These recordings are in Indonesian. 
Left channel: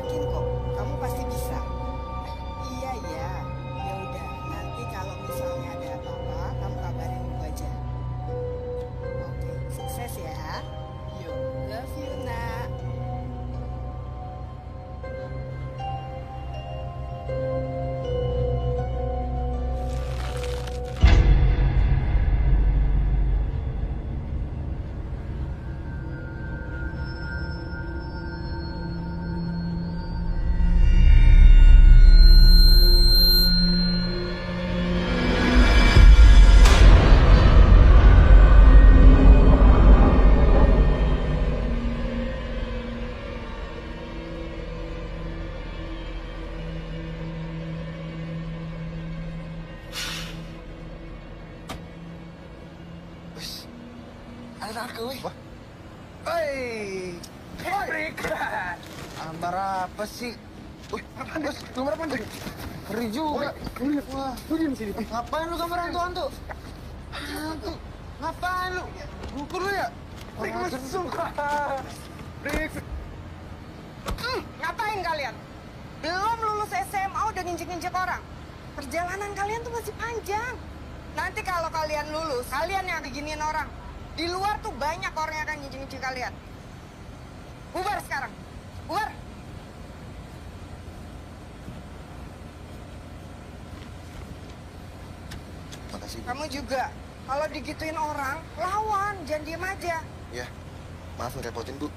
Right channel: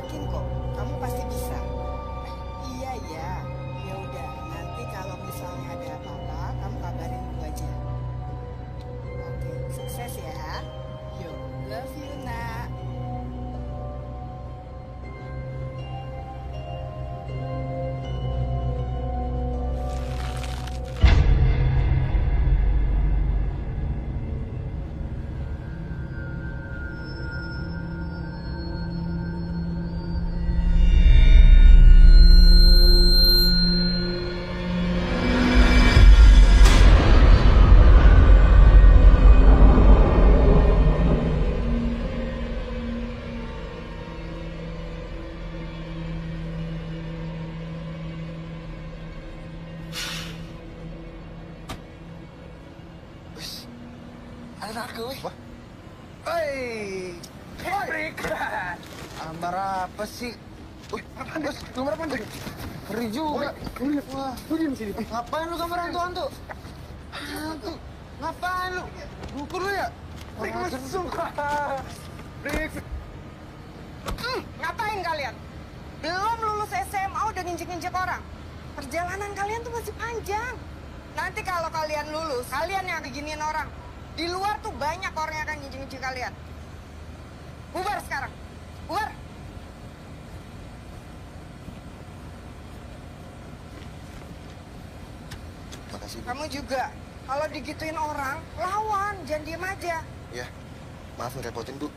yakin kok, kamu pasti bisa. Iya ya, ya udah. Nanti kalau misalnya ada apa-apa, kamu kabarin ibu aja. Oke, sukses ya. Yo, love you nak. Ada aku, weh. Wah. Hei, break. Ambar apa sih? Wih, bos, nomor apa nih? Ngeri juga. Wah, lu diam sini. Ngapain lu gambar hantu-hantu? Hantu? Ngapain lu? Gugur lu ya? Break mesum. Break. Ngapain kalian? Belum lulus SMA udah nginjek-nginjek orang. Perjalanan kalian tuh masih panjang. Nanti kalau kalian lulus, kalian yang diginiin orang. Di luar tuh banyak orang yang akan nginjek-nginjek kalian. Bubar sekarang. Bubar. Makasih. Kamu juga. Kalau digituin orang, lawan. Jangan diem aja. Ya, maaf ngerepotin, Bu.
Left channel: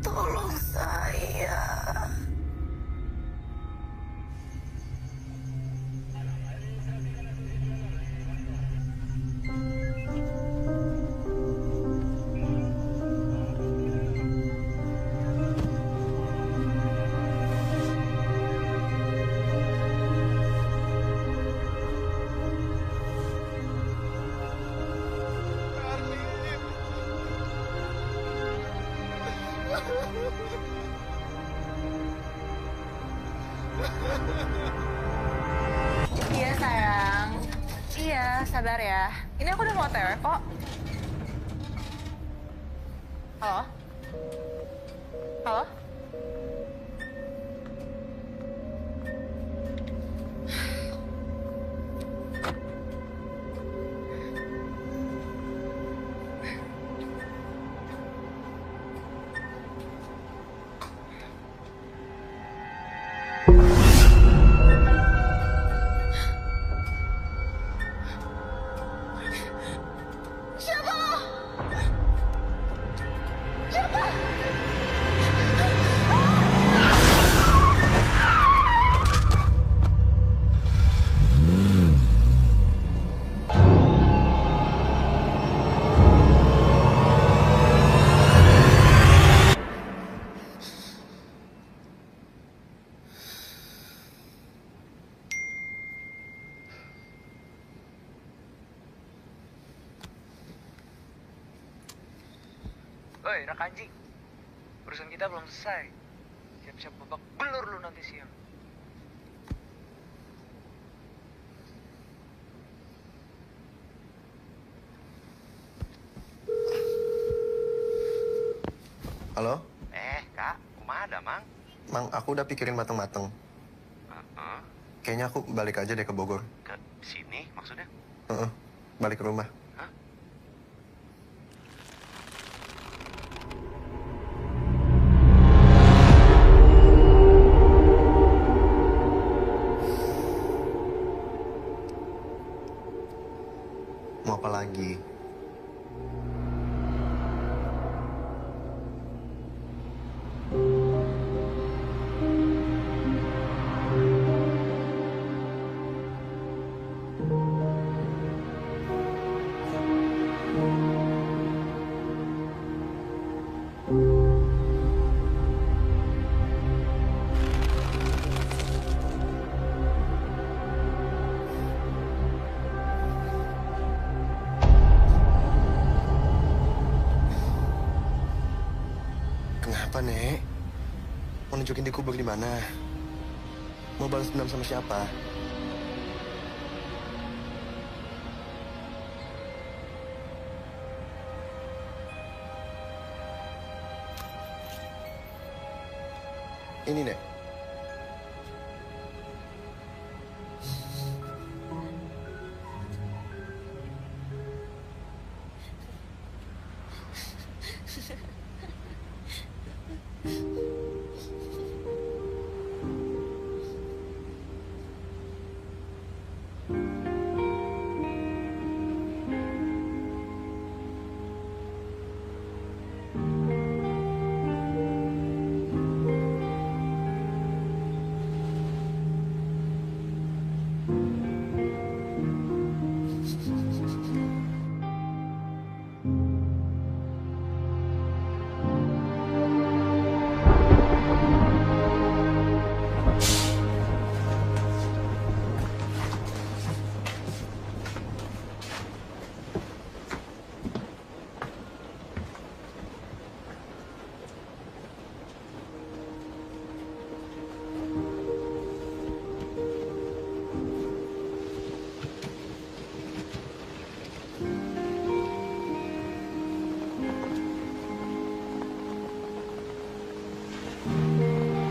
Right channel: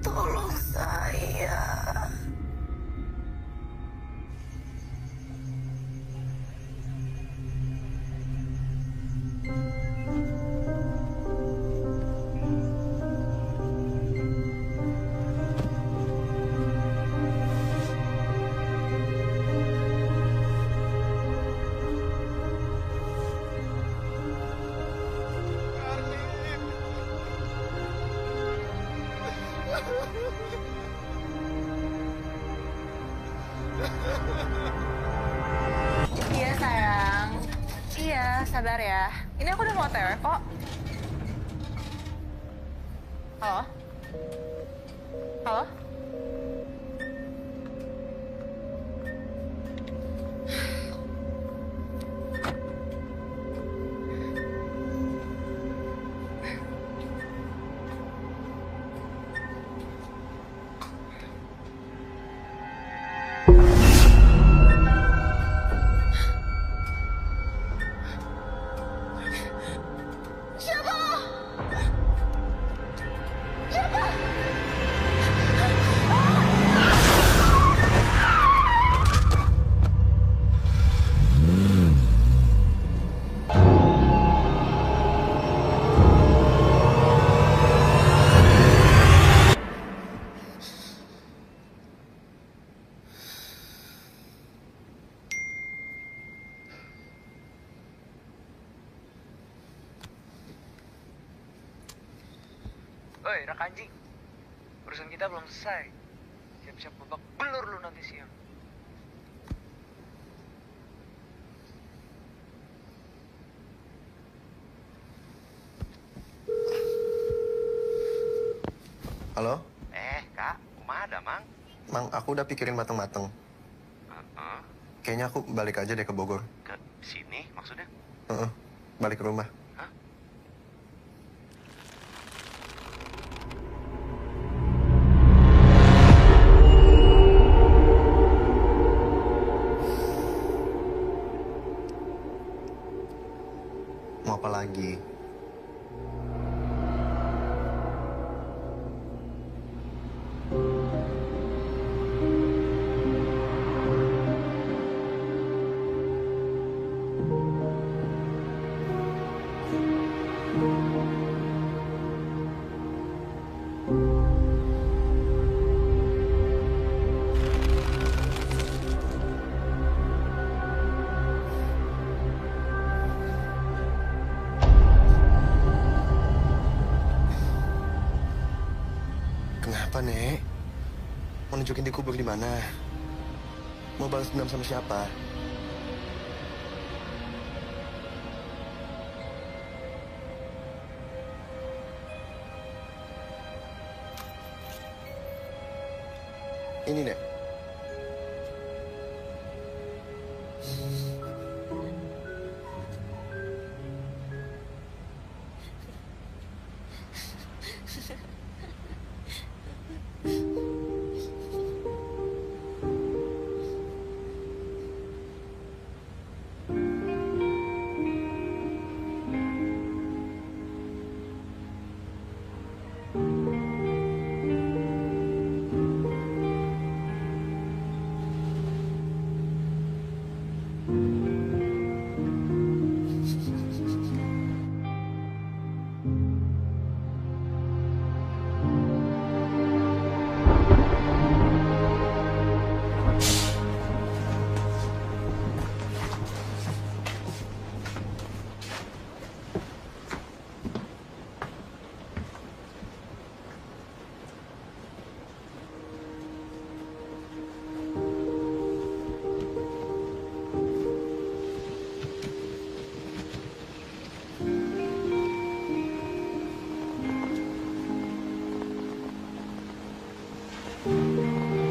Tolong saya. Iya sayang, iya sabar ya. Ini aku udah mau OTW kok. Halo? Halo? Siapa? Oi, Rakanji. Urusan kita belum selesai. Siap-siap babak belur lu nanti siang. Halo? Kak, kumaha ada, Mang? Mang, aku udah pikirin mateng-mateng. Heeh. Kayaknya aku balik aja deh ke Bogor. Ke sini maksudnya? Heeh, balik ke rumah. Hah? Mau apa lagi? Kenapa, Nek? Mau nunjukin di kubur di mana? Mau balas dendam sama siapa? Ini, Nek.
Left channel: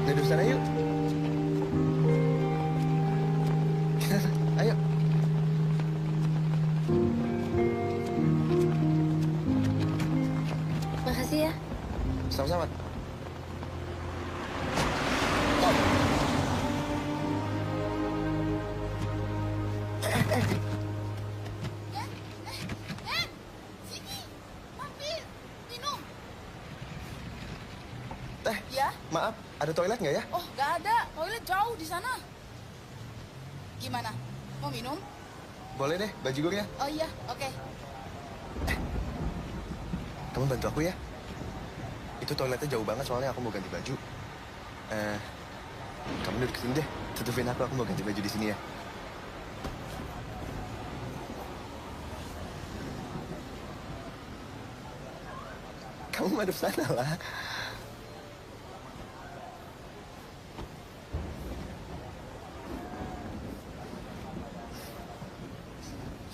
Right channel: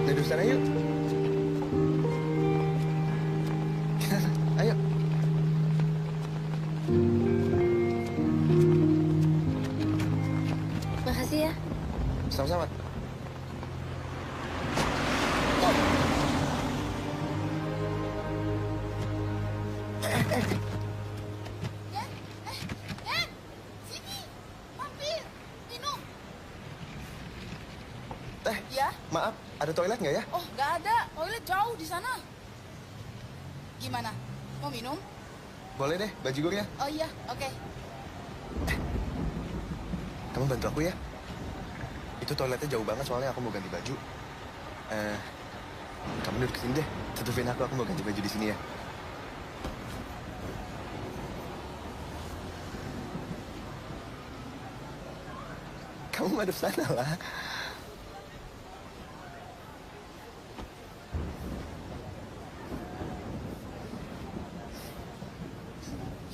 Duduk sana yuk. Ayo. Makasih ya. Sama-sama. Minum. Teh, Ya? maaf, ada toilet nggak ya? Oh, nggak ada. Toilet jauh di sana. Gimana? Mau minum? Boleh deh, bajigur ya. Oh iya, oke. Kamu bantu aku ya. Itu toiletnya jauh banget soalnya aku mau ganti baju. Kamu duduk sini deh. Tutupin aku mau ganti baju di sini ya. Kamu madep sana lah.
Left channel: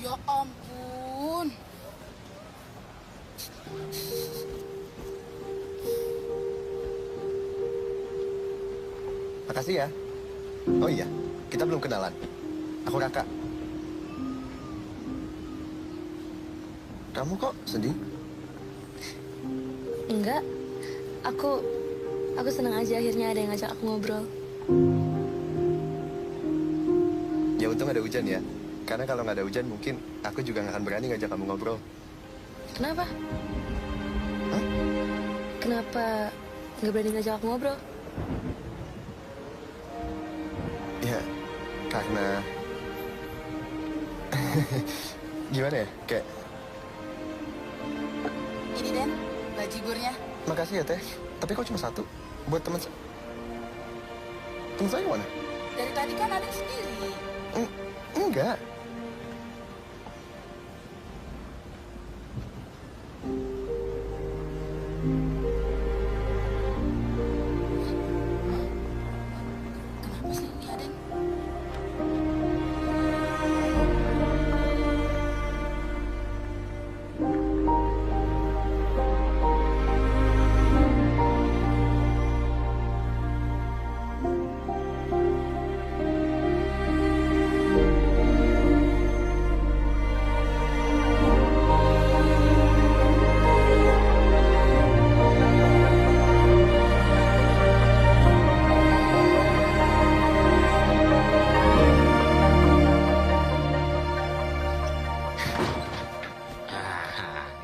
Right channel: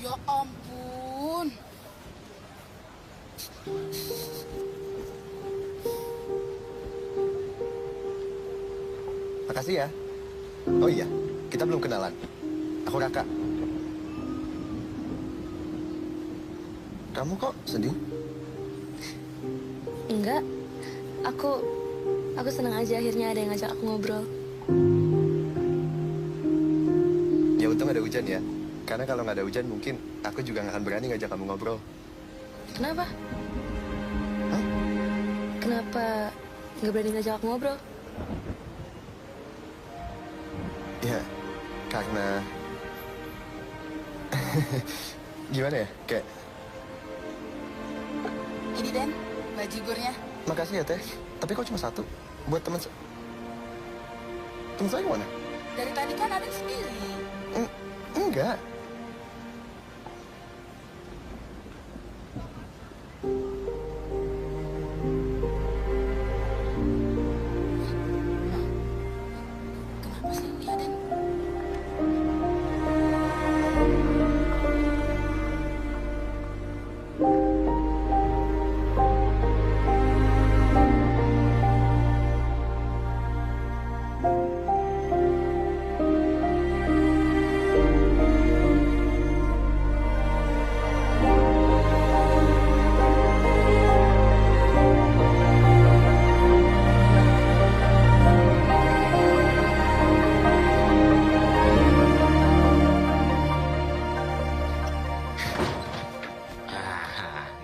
Ya ampun. Makasih ya. Oh iya, kita belum kenalan. Aku Raka. Kamu kok sedih? Enggak. Aku senang aja akhirnya ada yang ngajak aku ngobrol. Ya untung ada hujan ya. Karena kalau nggak ada hujan mungkin aku juga nggak akan berani ngajak kamu ngobrol. Kenapa? Hah? Kenapa nggak berani ngajak aku ngobrol? Ya, karena... Gimana ya? Kayak... Ini Den, bajigurnya. Makasih ya, Teh. Tapi kok cuma satu? Buat teman... Teman saya mana? Dari tadi kan ada sendiri. Enggak.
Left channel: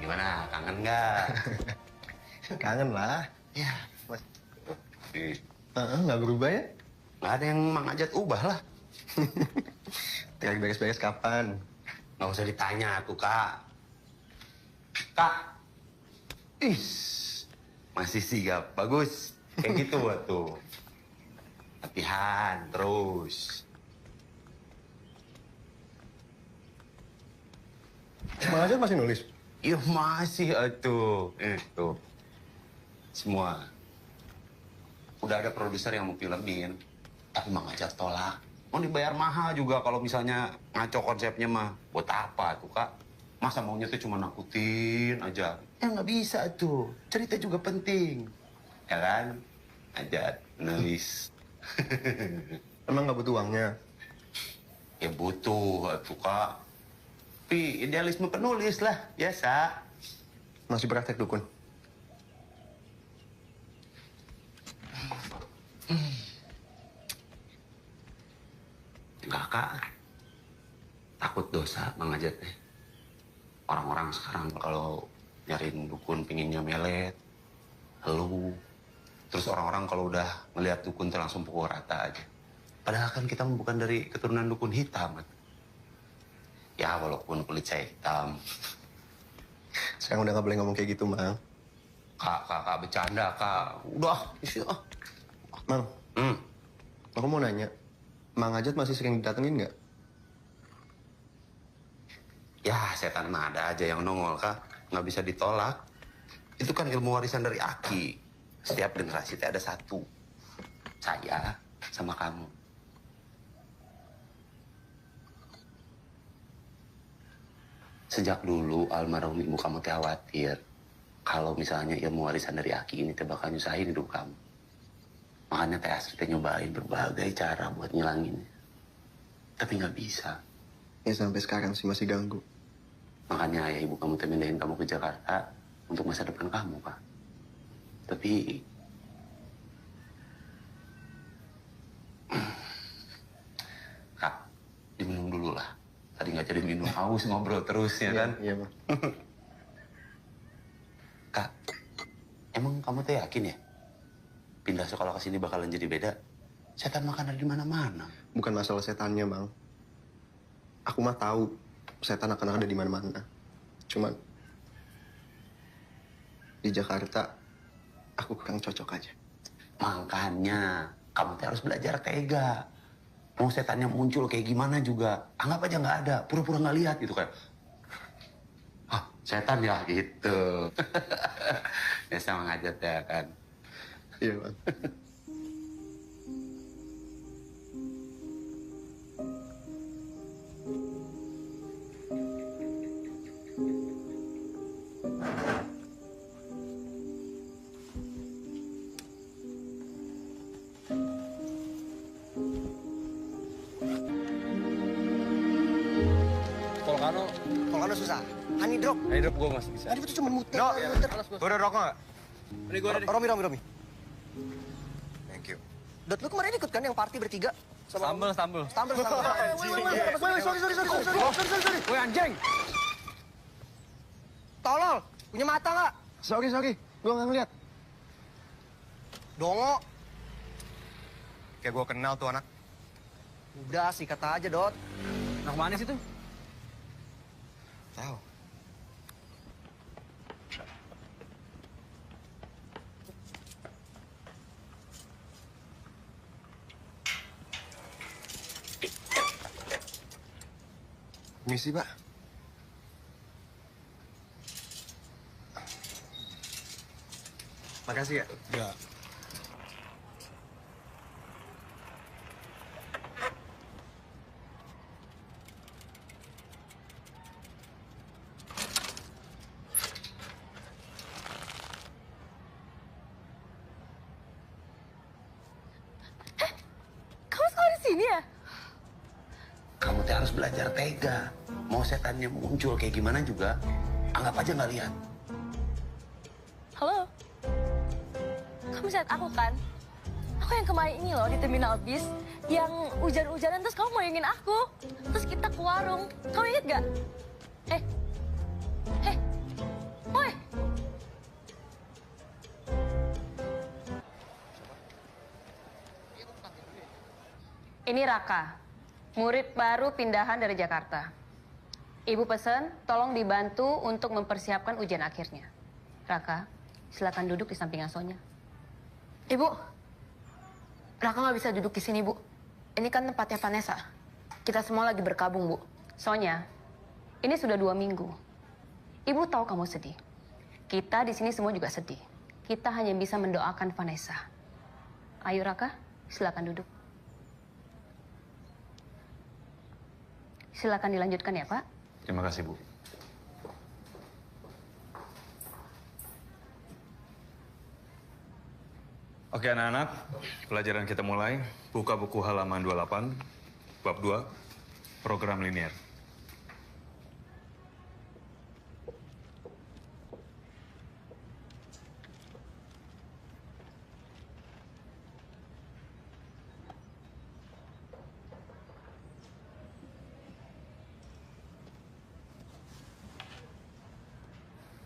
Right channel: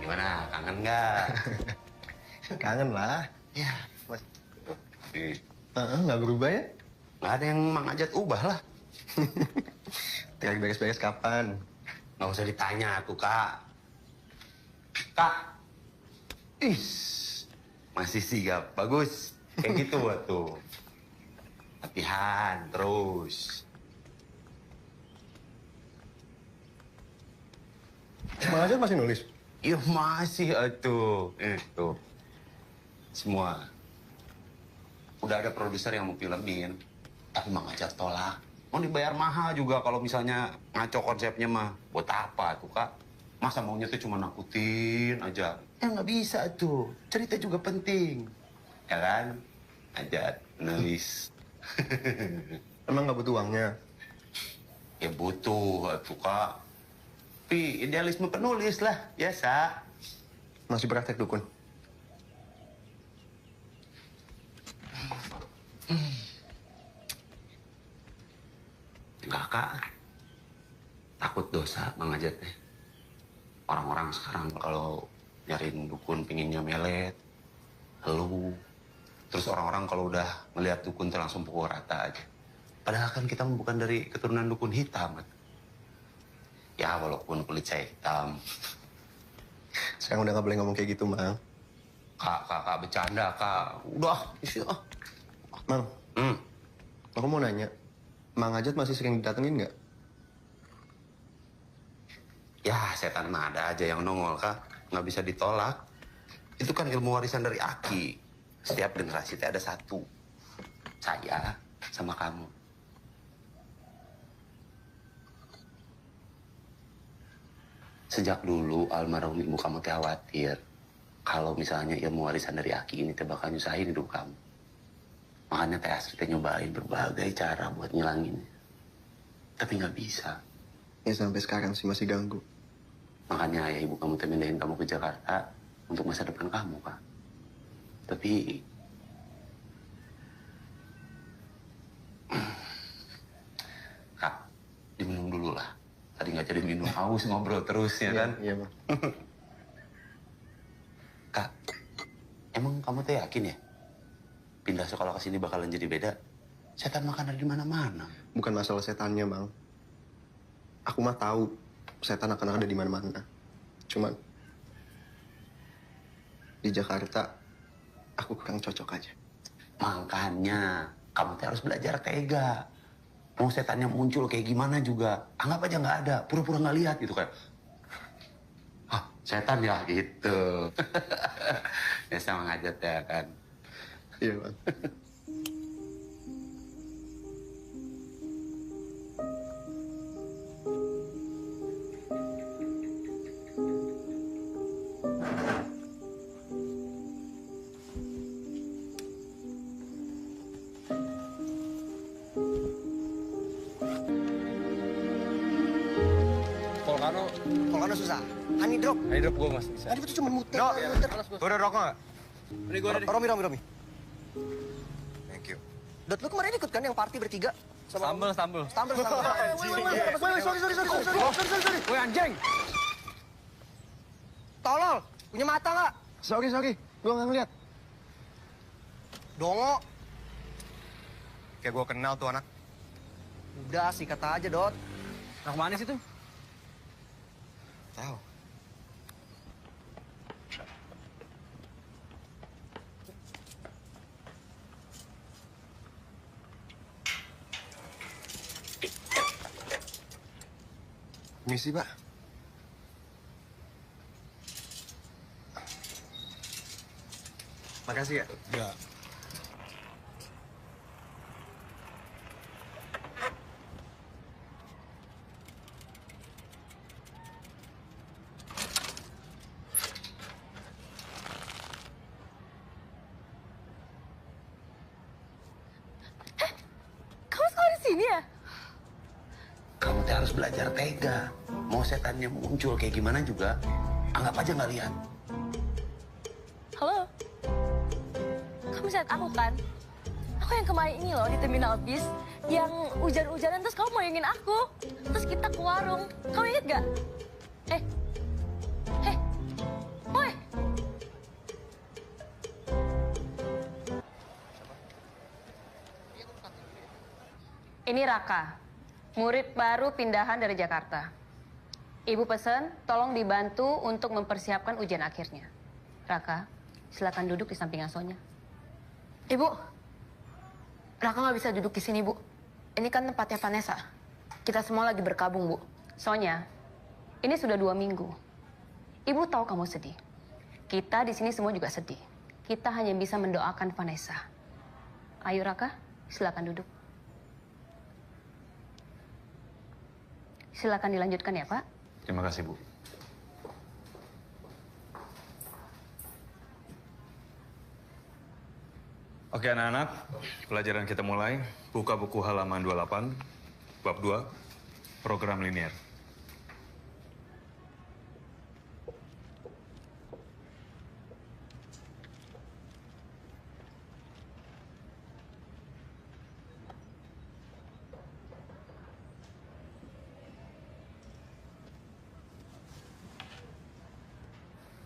Gimana, kangen nggak? Kangen lah. Ya, Mas, ih, nggak berubah ya? nggak ada yang Mang Ajat ubah lah. Tinggal beres-beres kapan? Nggak usah ditanya tuh, Kak. Kak, masih sigap, bagus. Kayak gitu tuh. Latihan terus. Mang Ajat masih nulis? Iya masih tuh. Tuh. Semua. Udah ada produser yang mau filmin. Tapi Mang Ajat tolak. Mau dibayar mahal juga kalau misalnya ngaco konsepnya mah. Buat apa tuh, Kak? Masa maunya tuh cuma nakutin aja. Ya nggak bisa tuh. Cerita juga penting. Ya kan? Ajat, nulis. Emang nggak butuh uangnya? Ya butuh tuh, Kak. Tapi idealisme penulis lah, biasa. Masih praktek dukun? Enggak, Kak. Takut dosa Mang Ajat teh. Orang-orang sekarang kalau nyariin dukun pinginnya melet, lu. Terus orang-orang kalau udah ngelihat dukun tuh langsung pukul rata aja. Padahal kan kita bukan dari keturunan dukun hitam. Ya walaupun kulit saya hitam. Sekarang udah nggak boleh ngomong kayak gitu, Mang. Kak, bercanda, Kak. Udah, isi ah. Mang, Hmm. aku mau nanya. Mang Ajat masih sering didatengin nggak? Ya, setan mah ada aja yang nongol, Kak. Nggak bisa ditolak. Itu kan ilmu warisan dari Aki. Setiap generasi teh ada satu. Saya sama kamu. Sejak dulu almarhum ibu kamu teh khawatir. Kalau misalnya ilmu warisan dari Aki ini teh bakal nyusahin hidup kamu. Makanya teh Astrid teh nyobain berbagai cara buat ngilanginnya. Tapi nggak bisa. Ya sampai sekarang sih masih ganggu. Makanya ayah ibu kamu teh mindahin kamu ke Jakarta untuk masa depan kamu, Kak. Tapi Kak, diminum dulu lah. Tadi nggak jadi minum, haus ngobrol terus ya kan? Iya, Mang. Kak, emang kamu teh yakin ya? Pindah sekolah ke sini bakalan jadi beda? Setan makan ada di mana-mana. Bukan masalah setannya, Mang. Aku mah tahu setan akan ada di mana-mana. Cuman di Jakarta aku kurang cocok aja. Makanya kamu teh harus belajar tega. Mau setannya muncul kayak gimana juga, anggap aja nggak ada, pura-pura nggak lihat gitu kayak. Ah, setan ya gitu. Ya sama ngajat ya kan. Iya, Bang. Volcano susah. Honey drop. Honey drop gue masih bisa. Tadi itu cuma muter. Dok, muter. gue ada rokok nggak? Ini gue ada deh. Romi. Thank you. Dot, lu kemarin ikut kan yang party bertiga? Sambel. Sambel. Sorry. Woi anjing! Tolol, punya mata nggak? Sorry. Gua nggak ngeliat. Dongo. Kayak gue kenal tuh anak. Udah, sikat aja, Dot. Anak mana sih tuh? Tahu. Misi, Pak. Makasih ya. Ya. Kamu sekolah di sini ya? Kamu teh harus belajar tega. Mau setannya muncul kayak gimana juga, anggap aja nggak lihat. Halo? Kamu lihat aku kan? Aku yang kemarin ini loh di terminal bis. Yang hujan-hujanan terus kamu mau ingin aku. Terus kita ke warung. Kamu inget gak? Ini Raka, murid baru pindahan dari Jakarta. Ibu pesan, tolong dibantu untuk mempersiapkan ujian akhirnya. Raka, silakan duduk di samping Sonya. Ibu, Raka nggak bisa duduk di sini, Bu. Ini kan tempatnya Vanessa. Kita semua lagi berkabung, Bu. Sonya, ini sudah 2 minggu. Ibu tahu kamu sedih. Kita di sini semua juga sedih. Kita hanya bisa mendoakan Vanessa. Ayo Raka, silakan duduk. Silakan dilanjutkan ya, Pak. Terima kasih, Bu. Oke anak-anak, pelajaran kita mulai. Buka buku halaman 28, bab 2, program linear.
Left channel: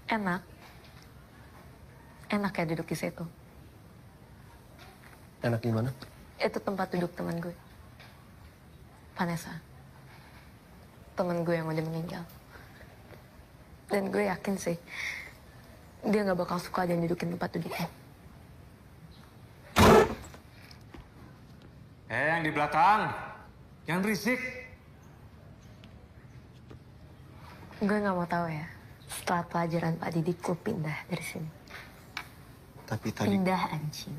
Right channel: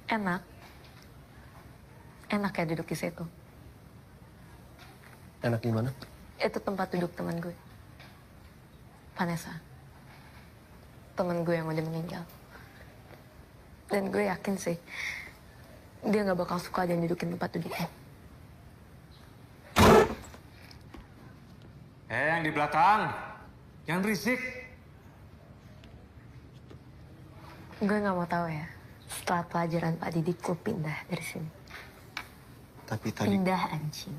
Enak. Enak ya duduk di situ. Enak gimana? Itu tempat duduk teman gue. Vanessa. Temen gue yang udah meninggal. Dan gue yakin sih, dia nggak bakal suka ada yang dudukin tempat duduknya. Yang di belakang, yang berisik. Gue nggak mau tahu ya. Setelah pelajaran Pak Didik, gue pindah dari sini. Tapi tadi... Pindah anjing.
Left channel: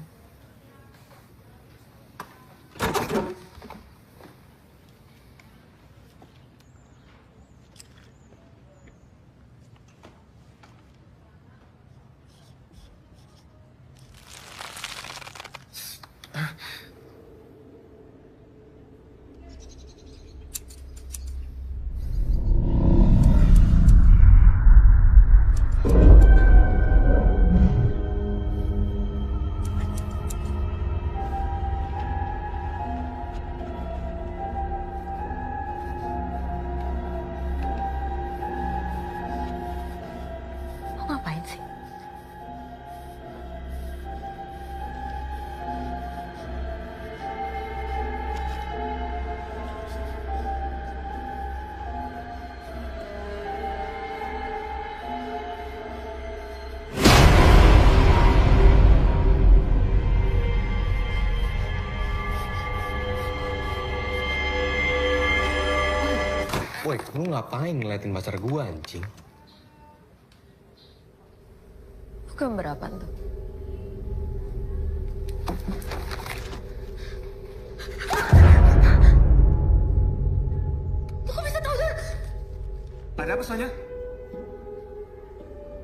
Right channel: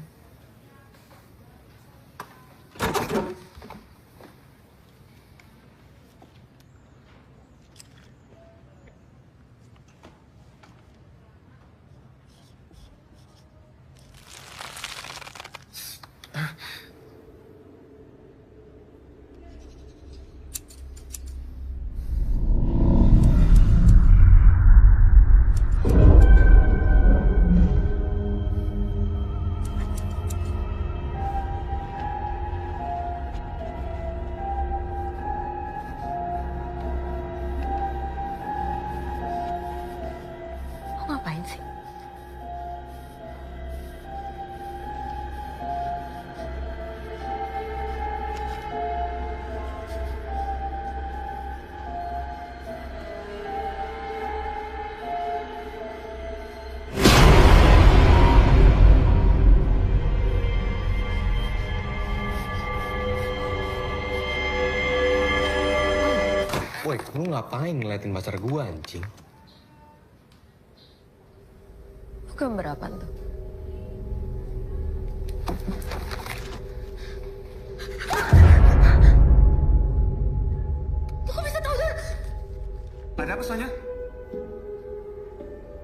Lo ngapain sih? Woi, lu ngapain ngeliatin pacar gua, anjing? Lo gambar apaan tuh? Lo kok bisa tahu, Dar? Ada apa, Sonya?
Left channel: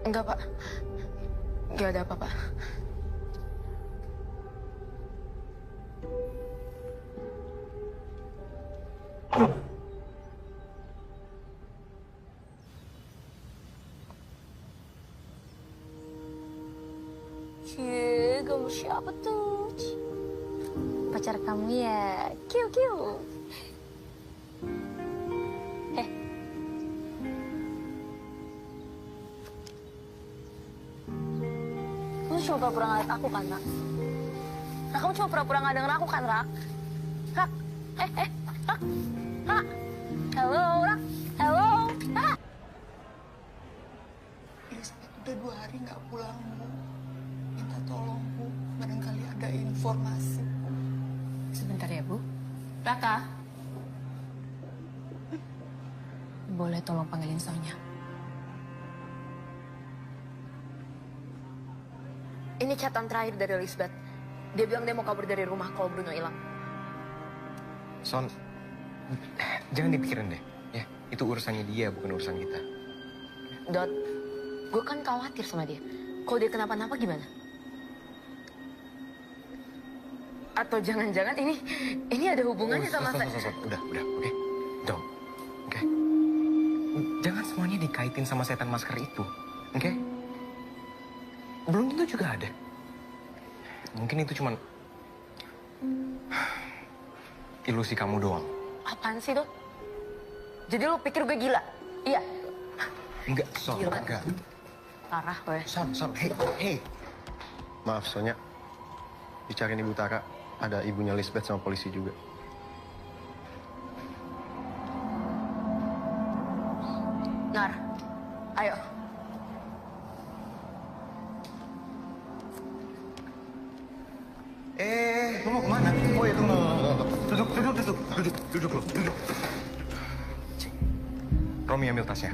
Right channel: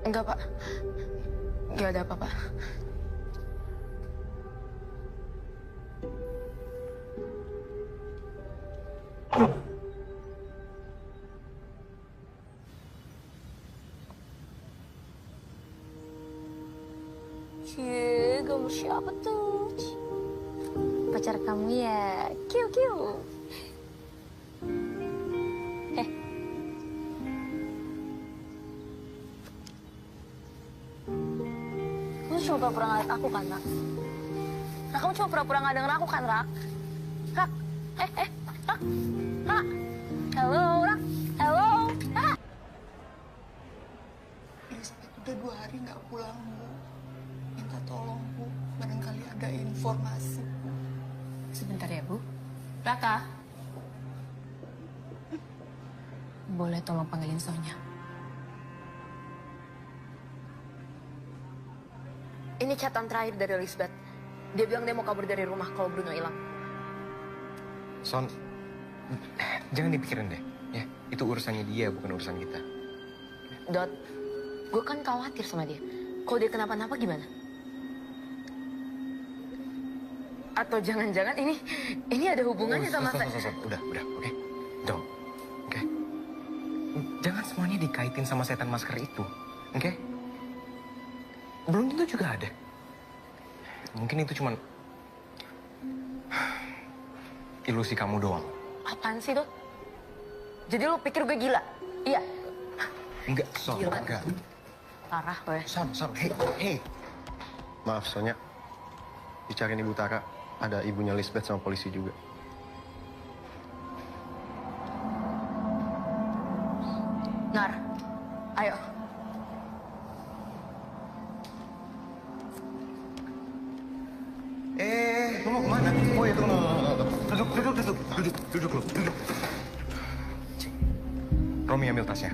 Enggak, Pak. Enggak ada apa-apa. Cie, gambar siapa tuh? Pacar kamu ya? Kiu, kiu. Kamu cuma pura-pura ngeliat aku kan, Rak? Rak, kamu cuma pura-pura nggak denger aku kan, Rak? Rak, Rak, Rak. Halo, Rak. Halo, Rak. Elizabeth udah 2 hari nggak pulang, Bu. Minta tolong, Bu. Barangkali ada informasi, Bu. Sebentar ya, Bu. Raka. Boleh tolong panggilin Sonya? Ini catatan terakhir dari Elizabeth. Dia bilang dia mau kabur dari rumah kalau Bruno hilang. Son, jangan dipikirin deh. Ya, itu urusannya dia, bukan urusan kita. Dot, gue kan khawatir sama dia. Kalau dia kenapa-napa gimana? Atau jangan-jangan ini ada hubungannya sama saya? Son, udah, oke? Don't, oke? Jangan semuanya dikaitin sama setan masker itu, oke? Belum tentu juga ada. Mungkin itu cuman ilusi kamu doang. Apaan sih, Dot? Jadi lu pikir gue gila? Iya. Enggak, Son, Gila. enggak. Parah lo ya. Son, hey. Maaf, Sonya. Dicariin Ibu Tara. Ada ibunya Lisbeth sama polisi juga. Nar, ayo. Lu mau kemana? Oh iya, tunggu. Duduk lu, duduk. Cing. Romi ambil tasnya.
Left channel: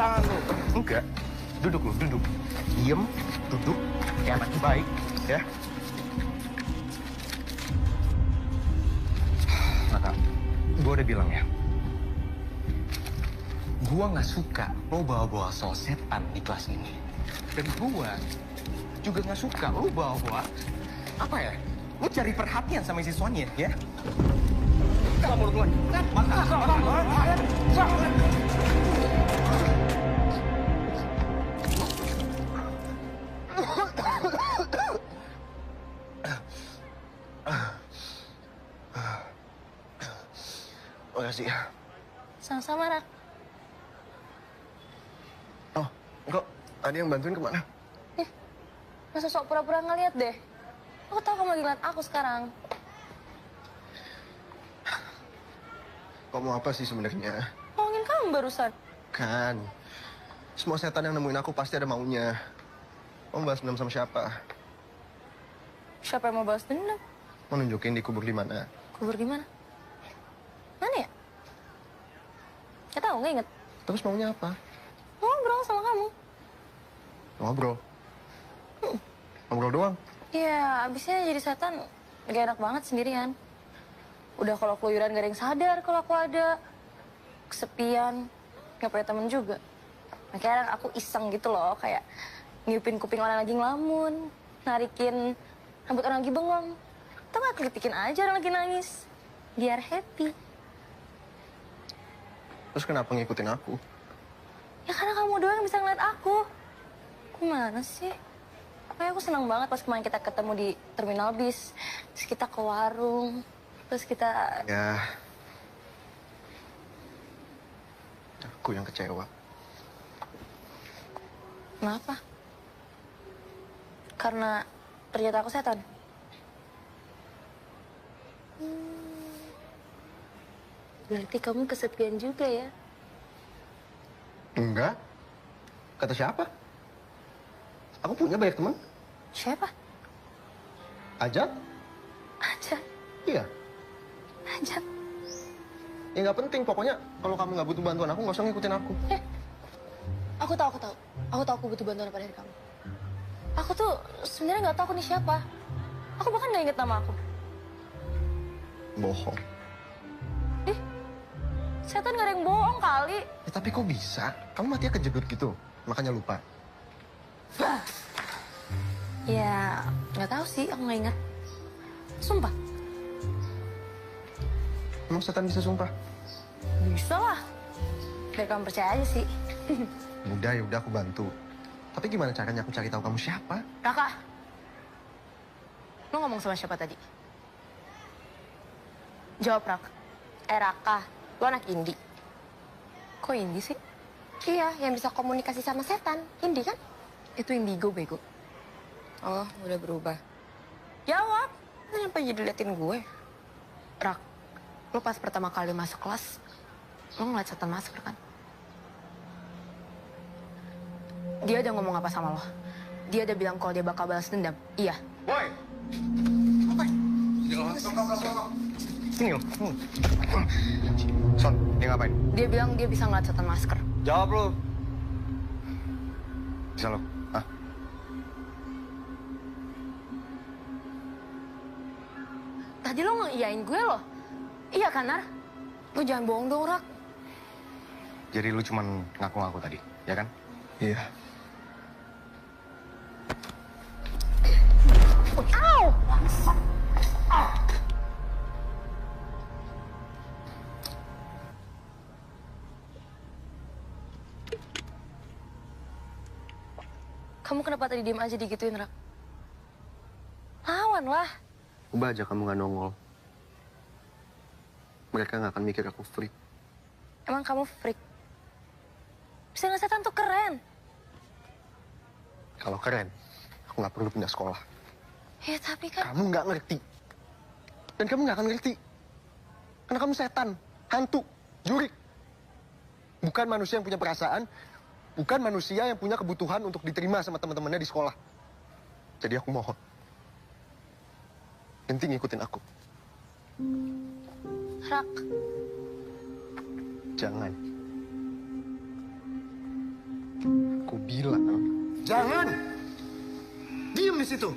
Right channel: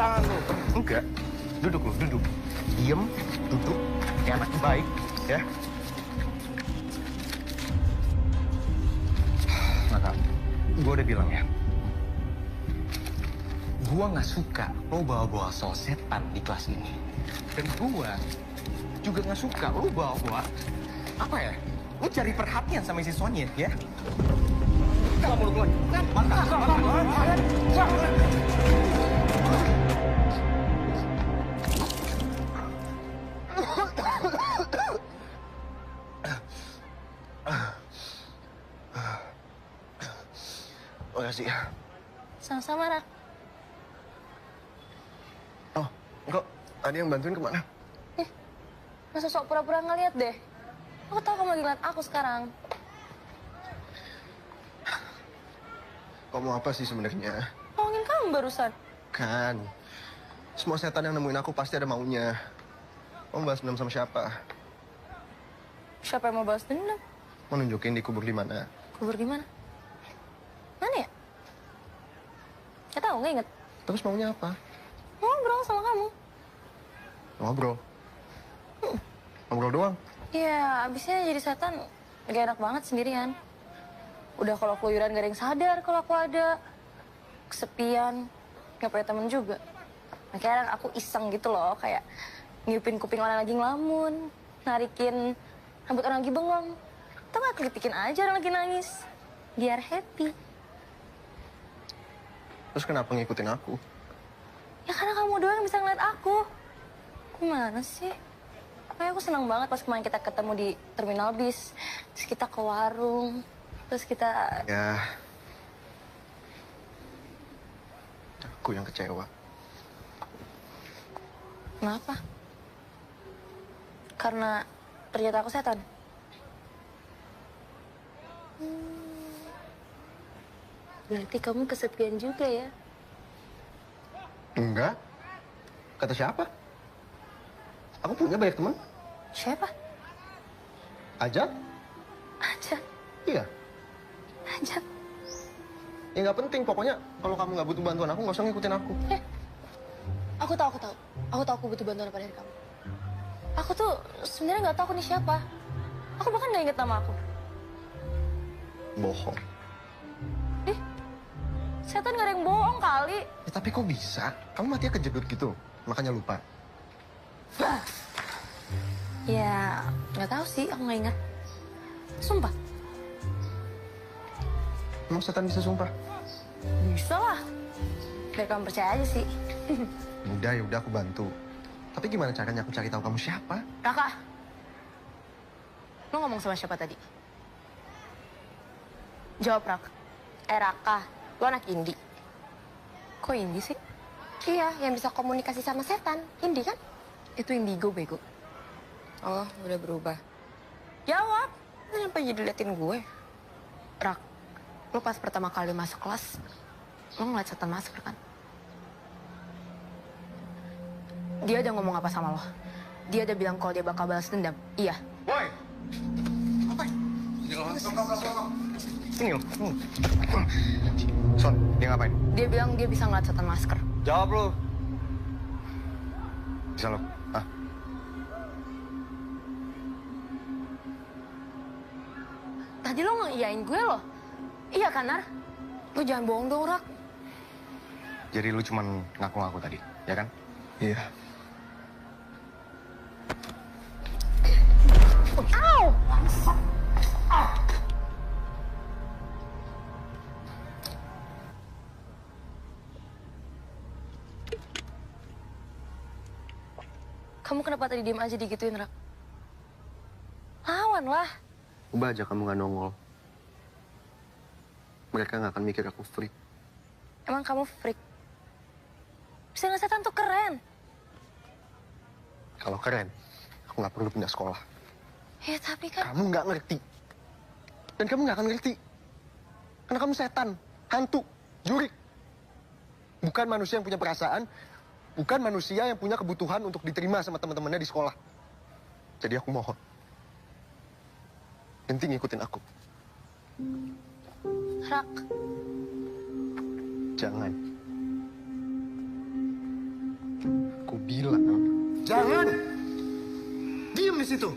Tangan lu. Enggak. Duduk lu, duduk. Diem, duduk. Kayak anak baik, ya. Naka, gue udah bilang ya. Gue nggak suka lo bawa-bawa soal setan di kelas ini. Dan gue juga nggak suka lo bawa-bawa apa ya? Lo cari perhatian sama siswanya, ya? Kamu mulut lo. Makasih ya. Sama-sama, Rak. Oh, kok ada yang bantuin kemana? Masa sok pura-pura ngeliat deh. Aku tahu kamu lagi ngeliat aku sekarang. Kok mau apa sih sebenarnya? Ngomongin kamu barusan. Kan, semua setan yang nemuin aku pasti ada maunya. Kamu balas dendam sama siapa? Siapa yang mau balas dendam? Mau nunjukin dikubur di mana? Kubur di mana? Mana ya? Gak tahu, nggak inget. Terus maunya apa? Ngobrol sama kamu. Ngobrol. Ngobrol doang. Iya, abisnya jadi setan gak enak banget sendirian. Udah kalau keluyuran gak ada yang sadar kalau aku ada. Kesepian, gak punya temen juga. Makanya aku iseng gitu loh, kayak ngiupin kuping orang lagi ngelamun, narikin rambut orang lagi bengong. Atau gak kelitikin aja orang lagi nangis. Biar happy. Terus kenapa ngikutin aku? Ya karena kamu doang yang bisa ngeliat aku. Gimana sih? Kayak aku senang banget pas kemarin kita ketemu di terminal bis. Terus kita ke warung. Terus kita... Ya... Aku yang kecewa. Kenapa? Karena ternyata aku setan. Berarti kamu kesepian juga ya? Enggak. Kata siapa? Aku punya banyak teman. Siapa? Ajat? Ajat. Iya. Ajat. Ya nggak penting. Pokoknya kalau kamu nggak butuh bantuan aku, nggak usah ngikutin aku. Aku tahu. Aku tahu aku butuh bantuan apa dari kamu. Aku tuh sebenarnya nggak tahu aku nih siapa. Aku bahkan nggak inget nama aku. Bohong. Setan nggak ada yang bohong kali. Ya, tapi kok bisa? Kamu matinya kejedut gitu, makanya lupa. Ya, nggak tahu sih, aku nggak ingat. Sumpah. Emang setan bisa sumpah? Bisa lah. Biar kamu percaya aja sih. Ya udah aku bantu. Tapi gimana caranya aku cari tahu kamu siapa? Raka. Lo ngomong sama siapa tadi? Jawab, Raka. Raka, lo anak Indi. Kok Indi sih? Iya, yang bisa komunikasi sama setan. Indi kan? Itu indigo, bego. Oh, udah berubah. Jawab. Lo nyampe jadi liatin gue. Rak, lo pas pertama kali masuk kelas, lo ngeliat setan masker kan? Dia udah ngomong apa sama lo? Dia udah bilang kalau dia bakal balas dendam. Iya. Boy! Apa? Sini lo. Son, dia ngapain? Dia bilang dia bisa ngeliat setan masker. Jawab lo. Bisa lo? Hah? Tadi lo ngeiyain gue loh. Iya kan, Nar? Lo jangan bohong dong, Rak. Jadi lu cuman ngaku-ngaku tadi, ya kan? Iya. Au! Bangsat. Kamu kenapa tadi diem aja digituin, Rak? Lawan lah. Coba aja kamu nggak nongol. Mereka nggak akan mikir aku freak. Emang kamu freak? Bisa nggak setan tuh keren. Kalau keren, aku nggak perlu pindah sekolah. Ya tapi kan... Kamu nggak ngerti. Dan kamu nggak akan ngerti. Karena kamu setan, hantu, jurik. Bukan manusia yang punya perasaan, bukan manusia yang punya kebutuhan untuk diterima sama teman-temannya di sekolah. Jadi aku mohon, berhenti ngikutin aku. Rak, Jangan. Aku bilang, jangan. Diam di situ.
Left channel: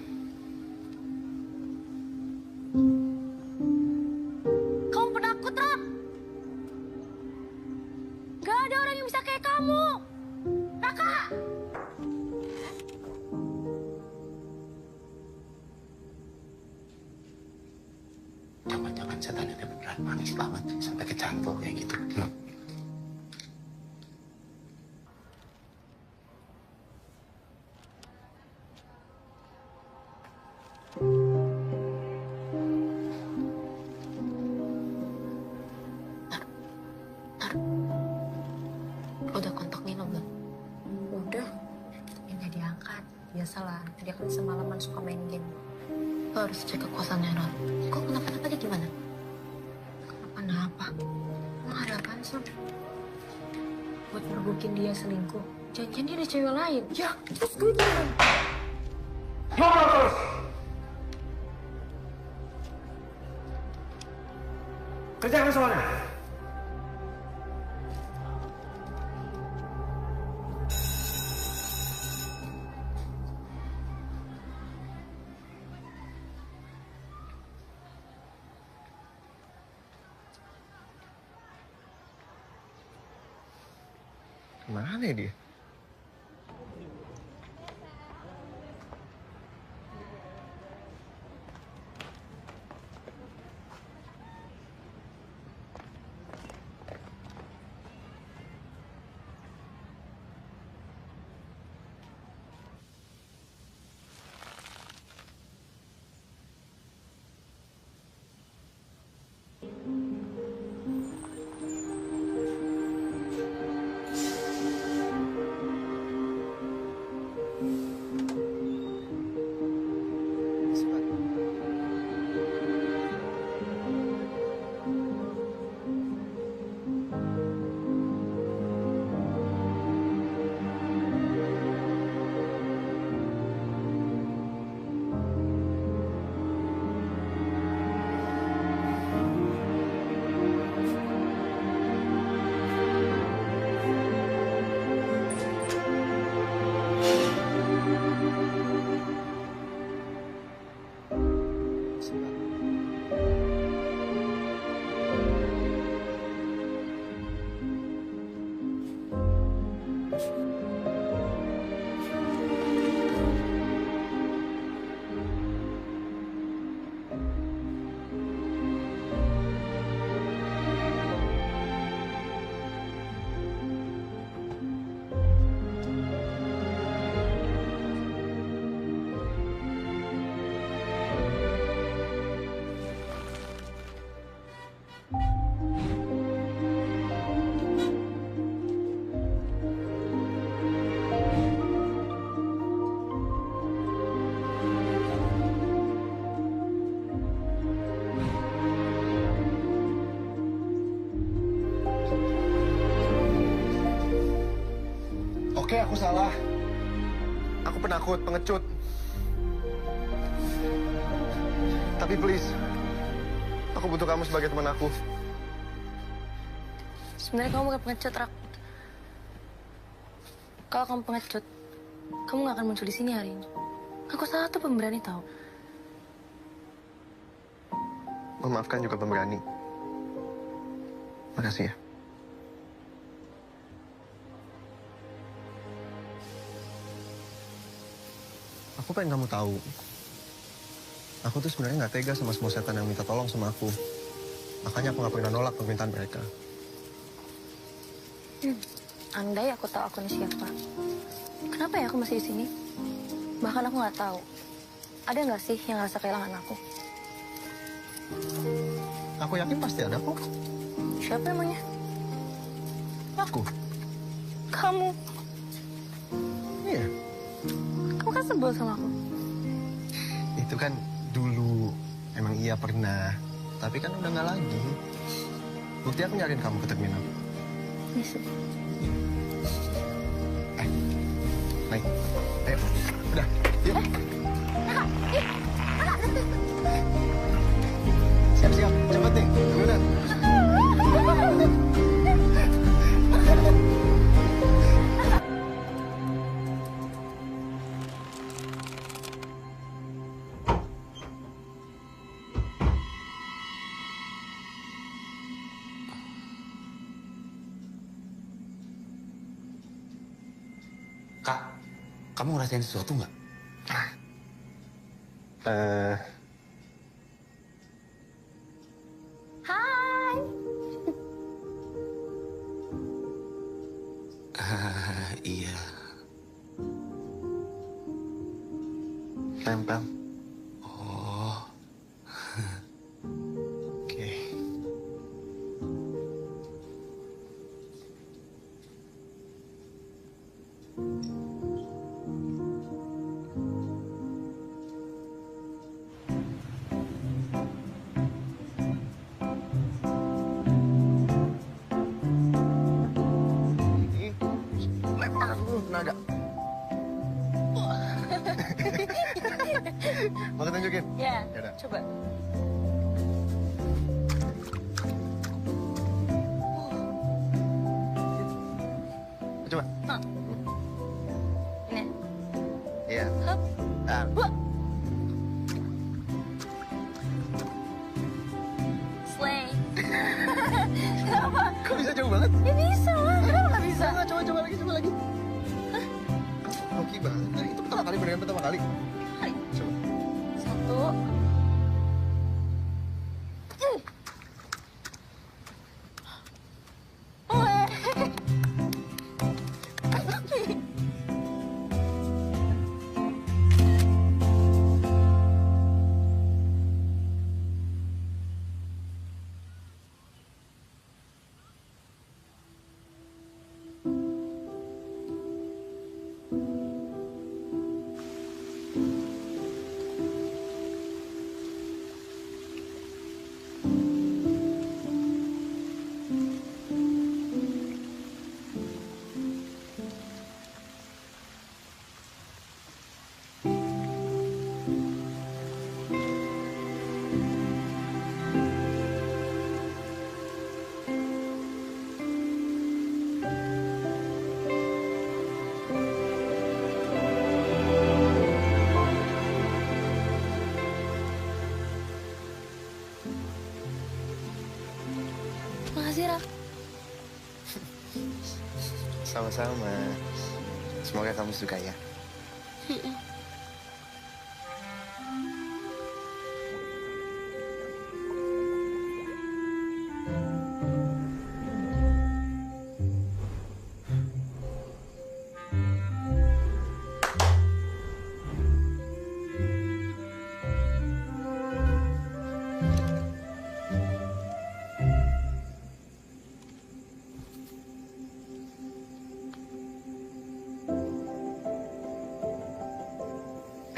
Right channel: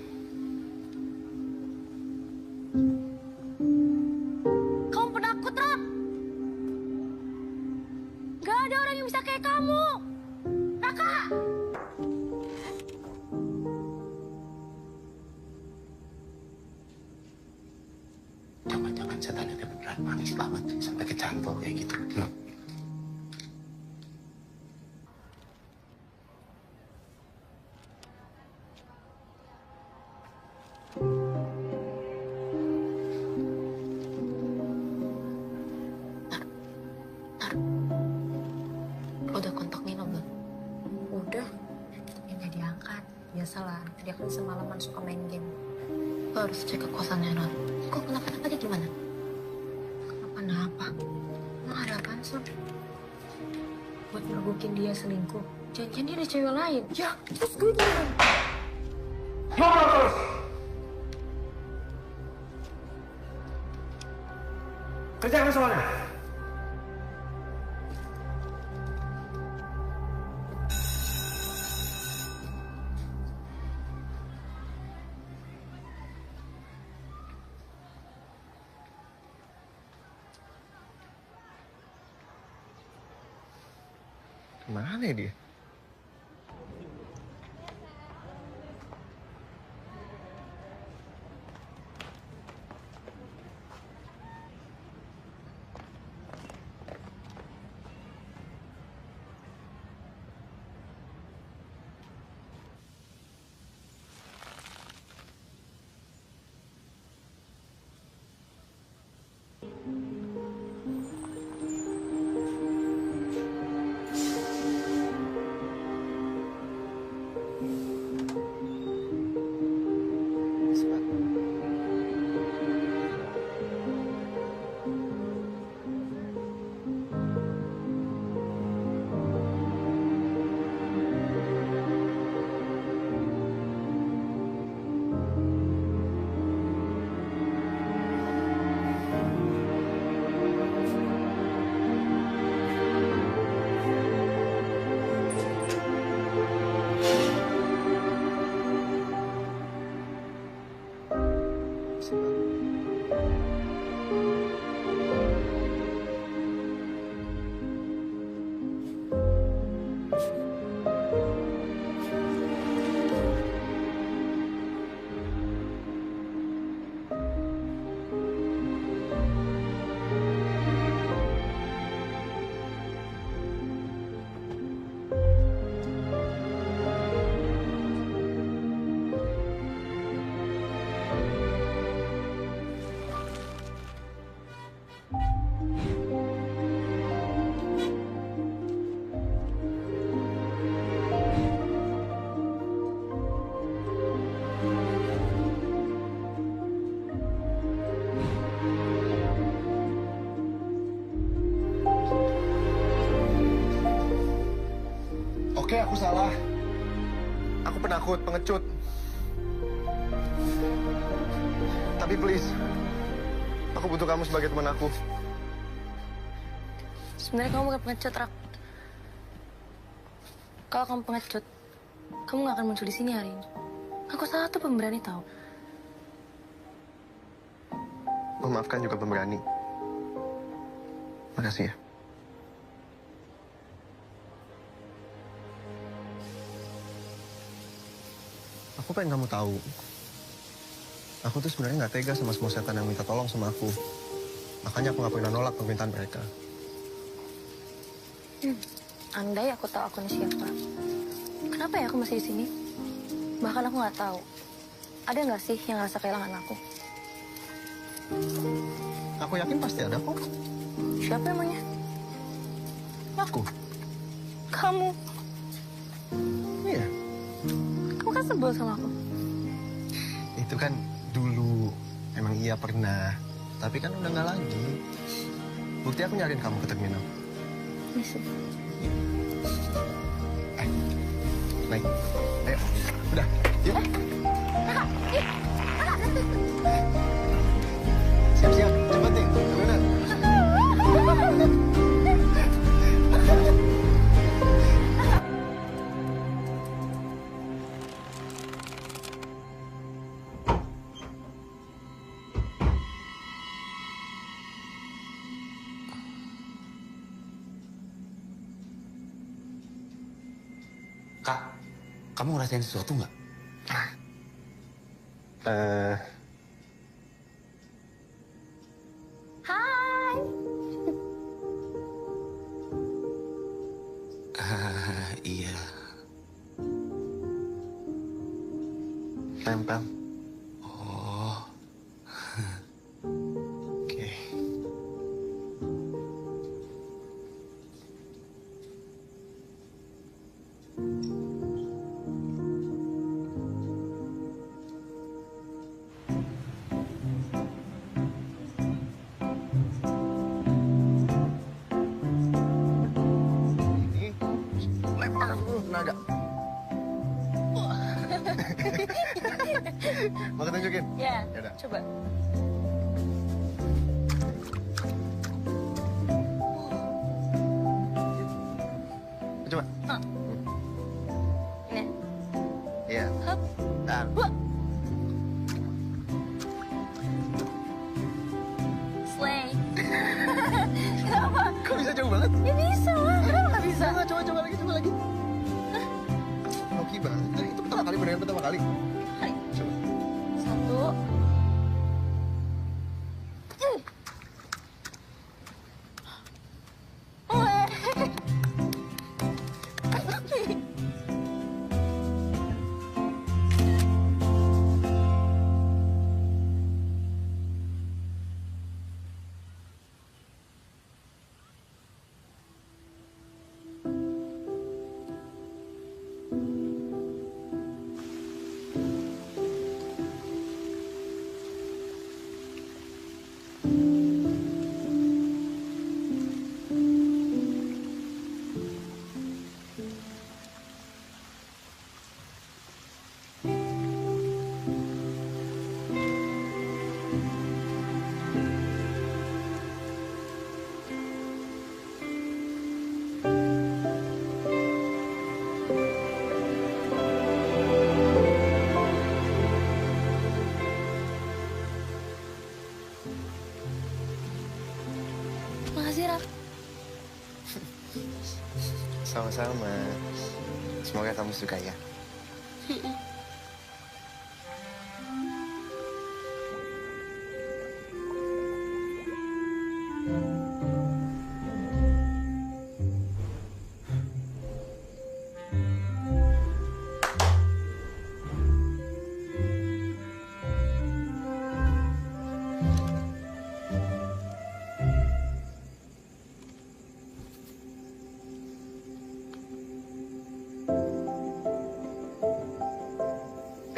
kamu penakut, Rak. Gak ada orang yang bisa kayak kamu. Raka! Jangan-jangan setan itu beneran manis banget sampai kecantol kayak gitu. Lo udah kontak Nino belum? Udah, tapi nggak diangkat. Biasalah, dia kan semalaman suka main game. Lo harus cek ke kosannya, Ral. Kok kenapa-napa dia gimana? Kenapa-napa? Emang ada apaan, Son? Buat mergukin dia selingkuh. Jangan-jangan dia ada cewek lain. Ya, terus gue gimana? Ngobrol terus! Kerjakan soalnya. Kemana ya dia? Oke, aku salah. Aku penakut, pengecut. Tapi please, aku butuh kamu sebagai teman aku. Sebenarnya kamu bukan pengecut, Rak. Kalau kamu pengecut, kamu gak akan muncul di sini hari ini. Aku salah tuh pemberani tahu. Memaafkan juga pemberani. Makasih ya. Aku pengen kamu tahu. Aku tuh sebenarnya nggak tega sama semua setan yang minta tolong sama aku. Makanya aku nggak pernah nolak permintaan mereka. Andai aku tahu aku ini siapa. Kenapa ya aku masih di sini? Bahkan aku nggak tahu. Ada nggak sih yang ngerasa kehilangan aku? Aku yakin pasti ada kok. Siapa emangnya? Aku. Kamu. Iya. Kamu kan sebel sama aku. Itu kan dulu. Emang iya pernah. Tapi kan udah nggak lagi. Bukti aku nyariin kamu ke terminal. Yes. Naik. Ayo. Udah. Yuk. Siap-siap. Cepet nih. Terminal. Kak, kamu ngerasain sesuatu nggak? Hai. Iya. Nempel. Oh. Oke. Ini lempar dulu tenaga. Mau kita tunjukin? Ya, Yaudah. coba. Coba. Ini. Iya. Hup. Nah. Wah. Slay. Kenapa? Kok bisa jauh banget? Ya bisa lah. Kenapa nggak bisa? Nggak, coba lagi, coba lagi. Hoki banget. Nah, itu pertama kali, beneran pertama kali. Hai. Coba. 1. Weh. Makasih, Rak. Sama-sama. Semoga kamu suka ya.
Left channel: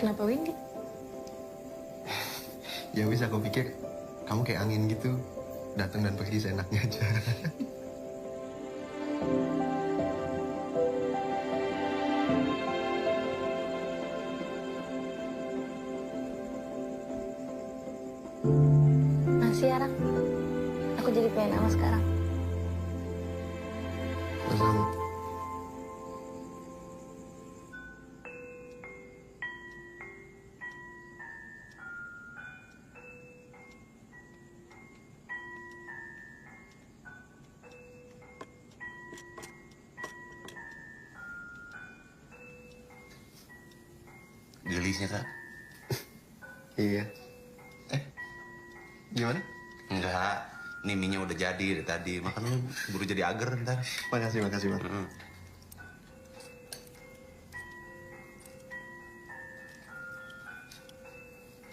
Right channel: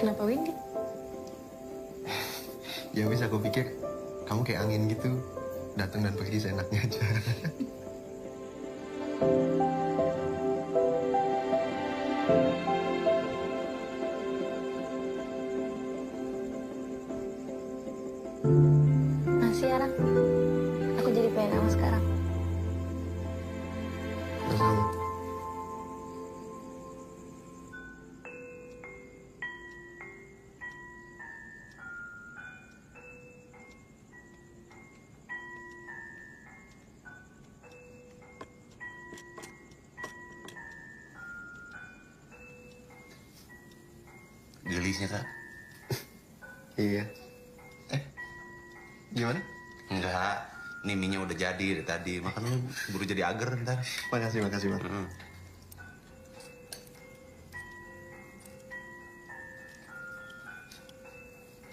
Kenapa Windy? Ya bisa, aku pikir kamu kayak angin gitu. Datang dan pergi seenaknya aja. Makasih ya, Rak. Aku jadi pengen sama sekarang. Sama-sama. Gelisnya, Kak? Iya. Gimana? Enggak. Nih mie-nya udah jadi dari tadi. Makanya buru jadi agar ntar. Makasih, Bang.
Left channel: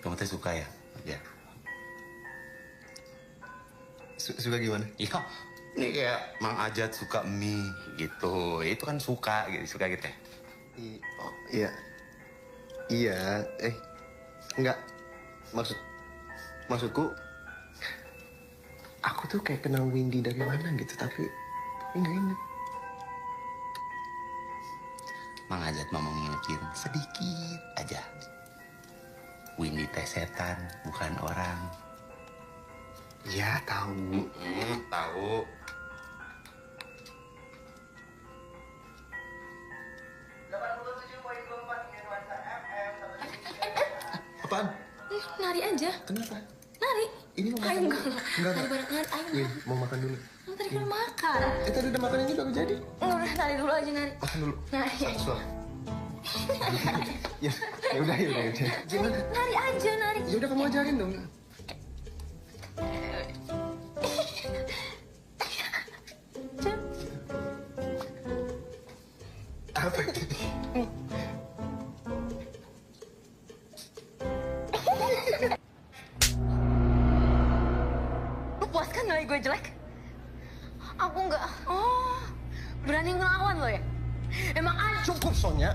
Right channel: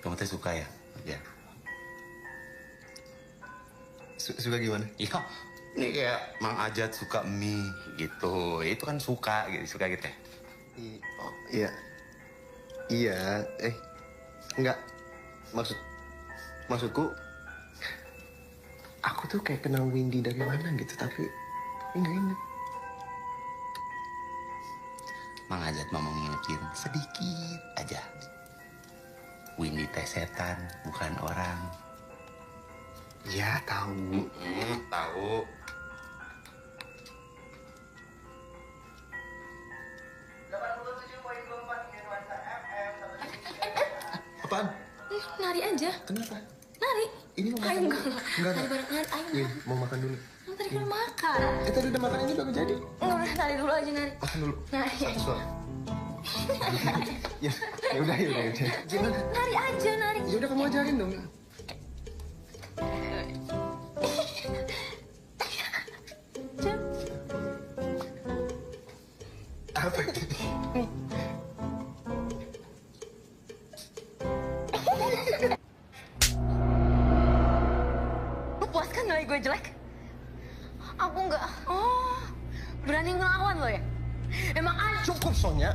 Kamu teh suka ya? Ya. Suka gimana? Iya. Ini kayak Mang Ajat suka mie gitu. Itu kan suka gitu ya. Oh, iya. Iya, enggak. Maksudku Aku tuh kayak kenal Windy dari mana gitu, tapi nggak inget. Mang Ajat mau ngingetin sedikit aja. Windy teh setan, bukan orang. Ya tahu. Tahu. Apaan? Nari aja. Kenapa? Nari. Ini mau makan Ayo, dulu. enggak. Nari bareng nari. Ayo. Win, mau makan dulu. Kamu tadi kan makan. Tadi udah makan ini baru jadi. Enggak, nari dulu aja nari. Makan dulu. Nari. Satu suap. Ya, ya udah. Gimana? Nari aja, nari. Ya udah kamu ajarin dong. Apa itu? Lu puas kan nilai gue jelek? Aku enggak. Oh, berani ngelawan lo ya? Emang aja. Cukup, Sonya.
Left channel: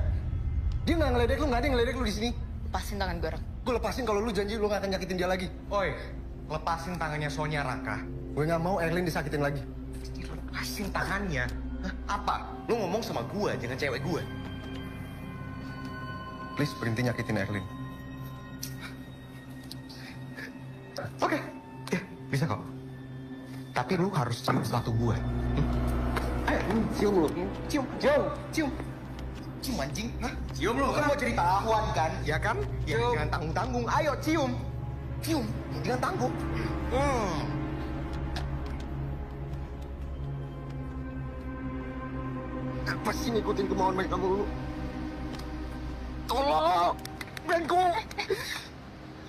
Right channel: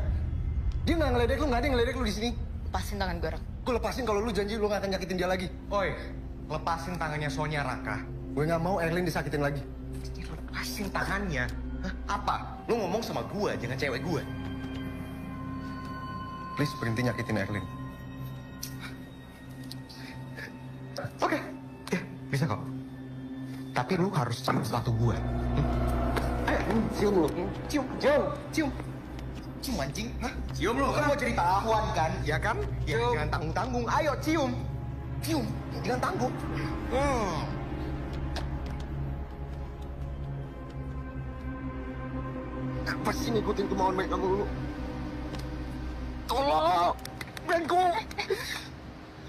Dia nggak ngeledek lu, nggak ada yang ngeledek lu di sini. Lepasin tangan gue, Rak. Gue lepasin kalau lu janji lu nggak akan nyakitin dia lagi. Oi, lepasin tangannya Sonya, Raka. Gue nggak mau Erlin disakitin lagi. Lepasin tangannya. Hah? Apa? Lu ngomong sama gua, jangan cewek gua. Please berhenti nyakitin Erlin. Oke, ya bisa kok. Tapi lu harus cium sepatu gua. Ayo, cium lu. Cium. Cium anjing. Hah? Cium lu. Kan mau jadi pahlawan kan? Ya kan? Ya, jangan tanggung-tanggung. Ayo, cium. Cium. Jangan tanggung. Apa sih ngikutin kemauan mereka mulu? Tolong! Bengko!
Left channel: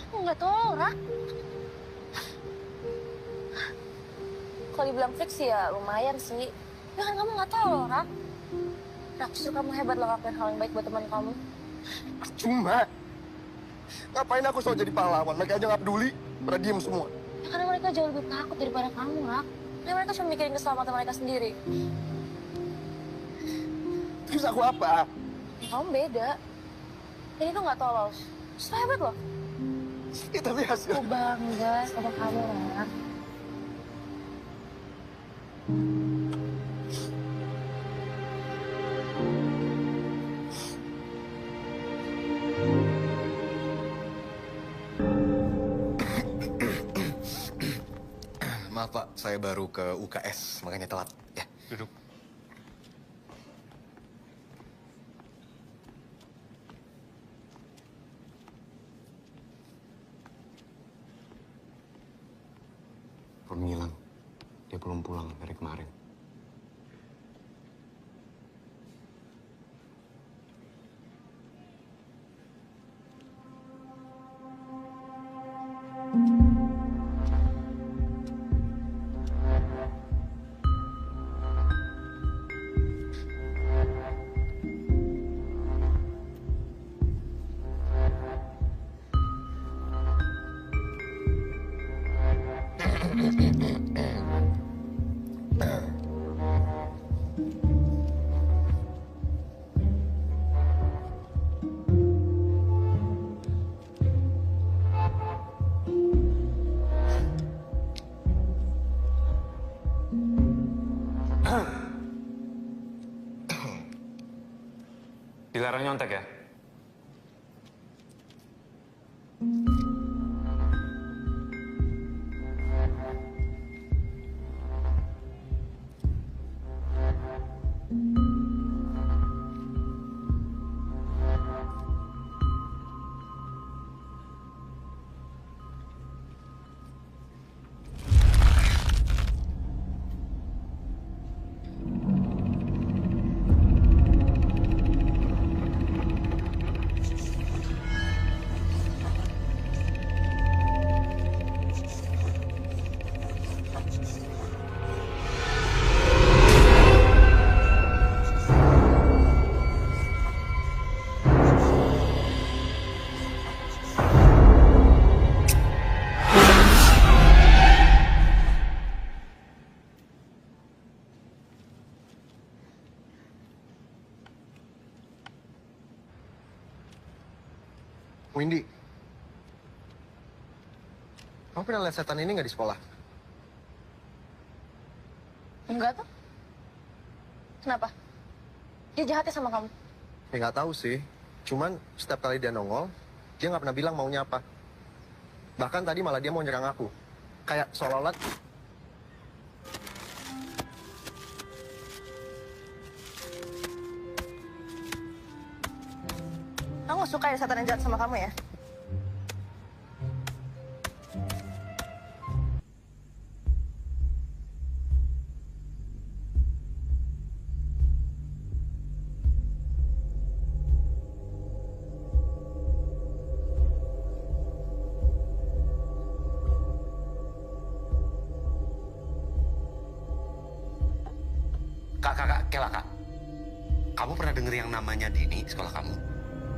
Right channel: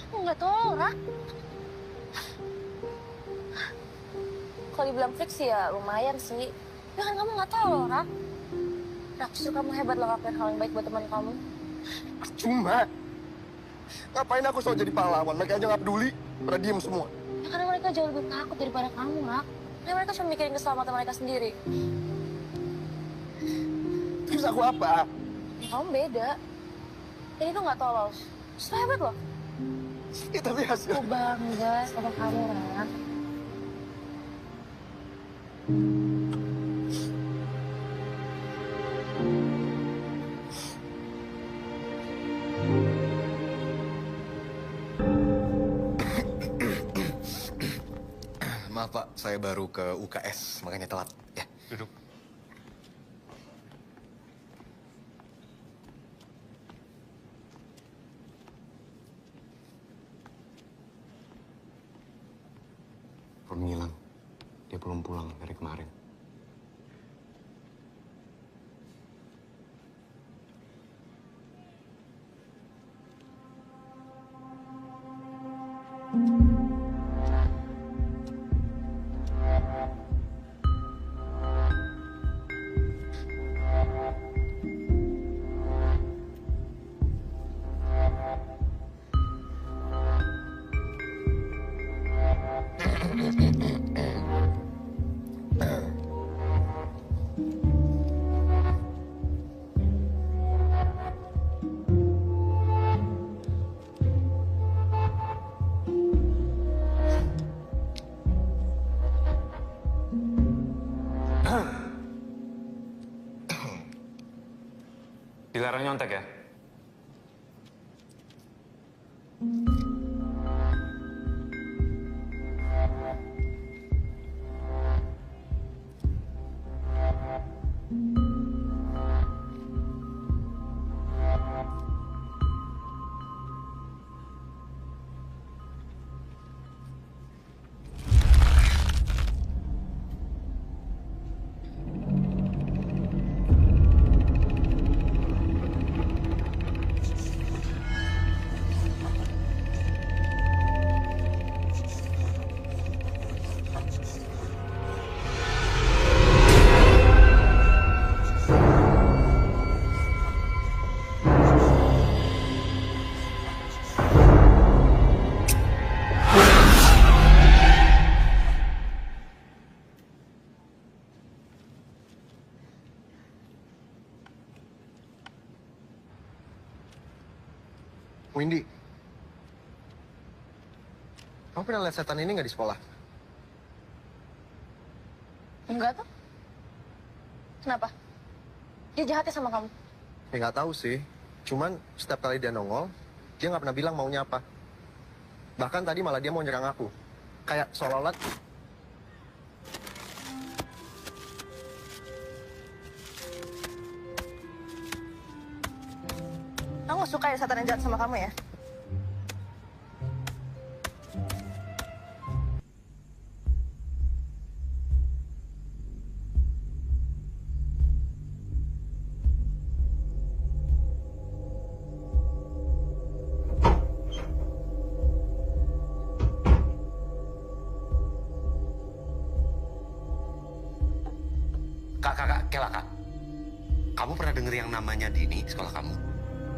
Aku nggak tahu, Rak. Kalau dibilang freak sih ya lumayan sih. Ya kan kamu nggak tahu loh, Rak. Rak, justru kamu hebat loh ngelakuin hal yang baik buat teman kamu. Cuma, ngapain aku soal jadi pahlawan? Mereka aja nggak peduli, pada diem semua. Ya karena mereka jauh lebih takut daripada kamu, Rak. Ya mereka cuma mikirin keselamatan mereka sendiri. Terus aku apa? Ya, kamu beda. Jadi itu nggak tolos. Justru hebat loh. Ya, tapi hasil... Aku bangga sama kamu, Rak. Maaf Pak, saya baru ke UKS, makanya telat. Ya, duduk. Roni hilang. Dia belum pulang dari kemarin. Dilarang nyontek ya? Windy, kamu pernah lihat setan ini nggak di sekolah? Enggak tuh. Kenapa? Dia jahatnya sama kamu? Ya nggak tahu sih. Cuman setiap kali dia nongol, dia nggak pernah bilang maunya apa. Bahkan tadi malah dia mau nyerang aku. Kayak seolah-olah... Kamu suka ya setan yang jahat sama kamu ya? Kak, Kela, Kak. Kamu pernah denger yang namanya Dini di sekolah kamu?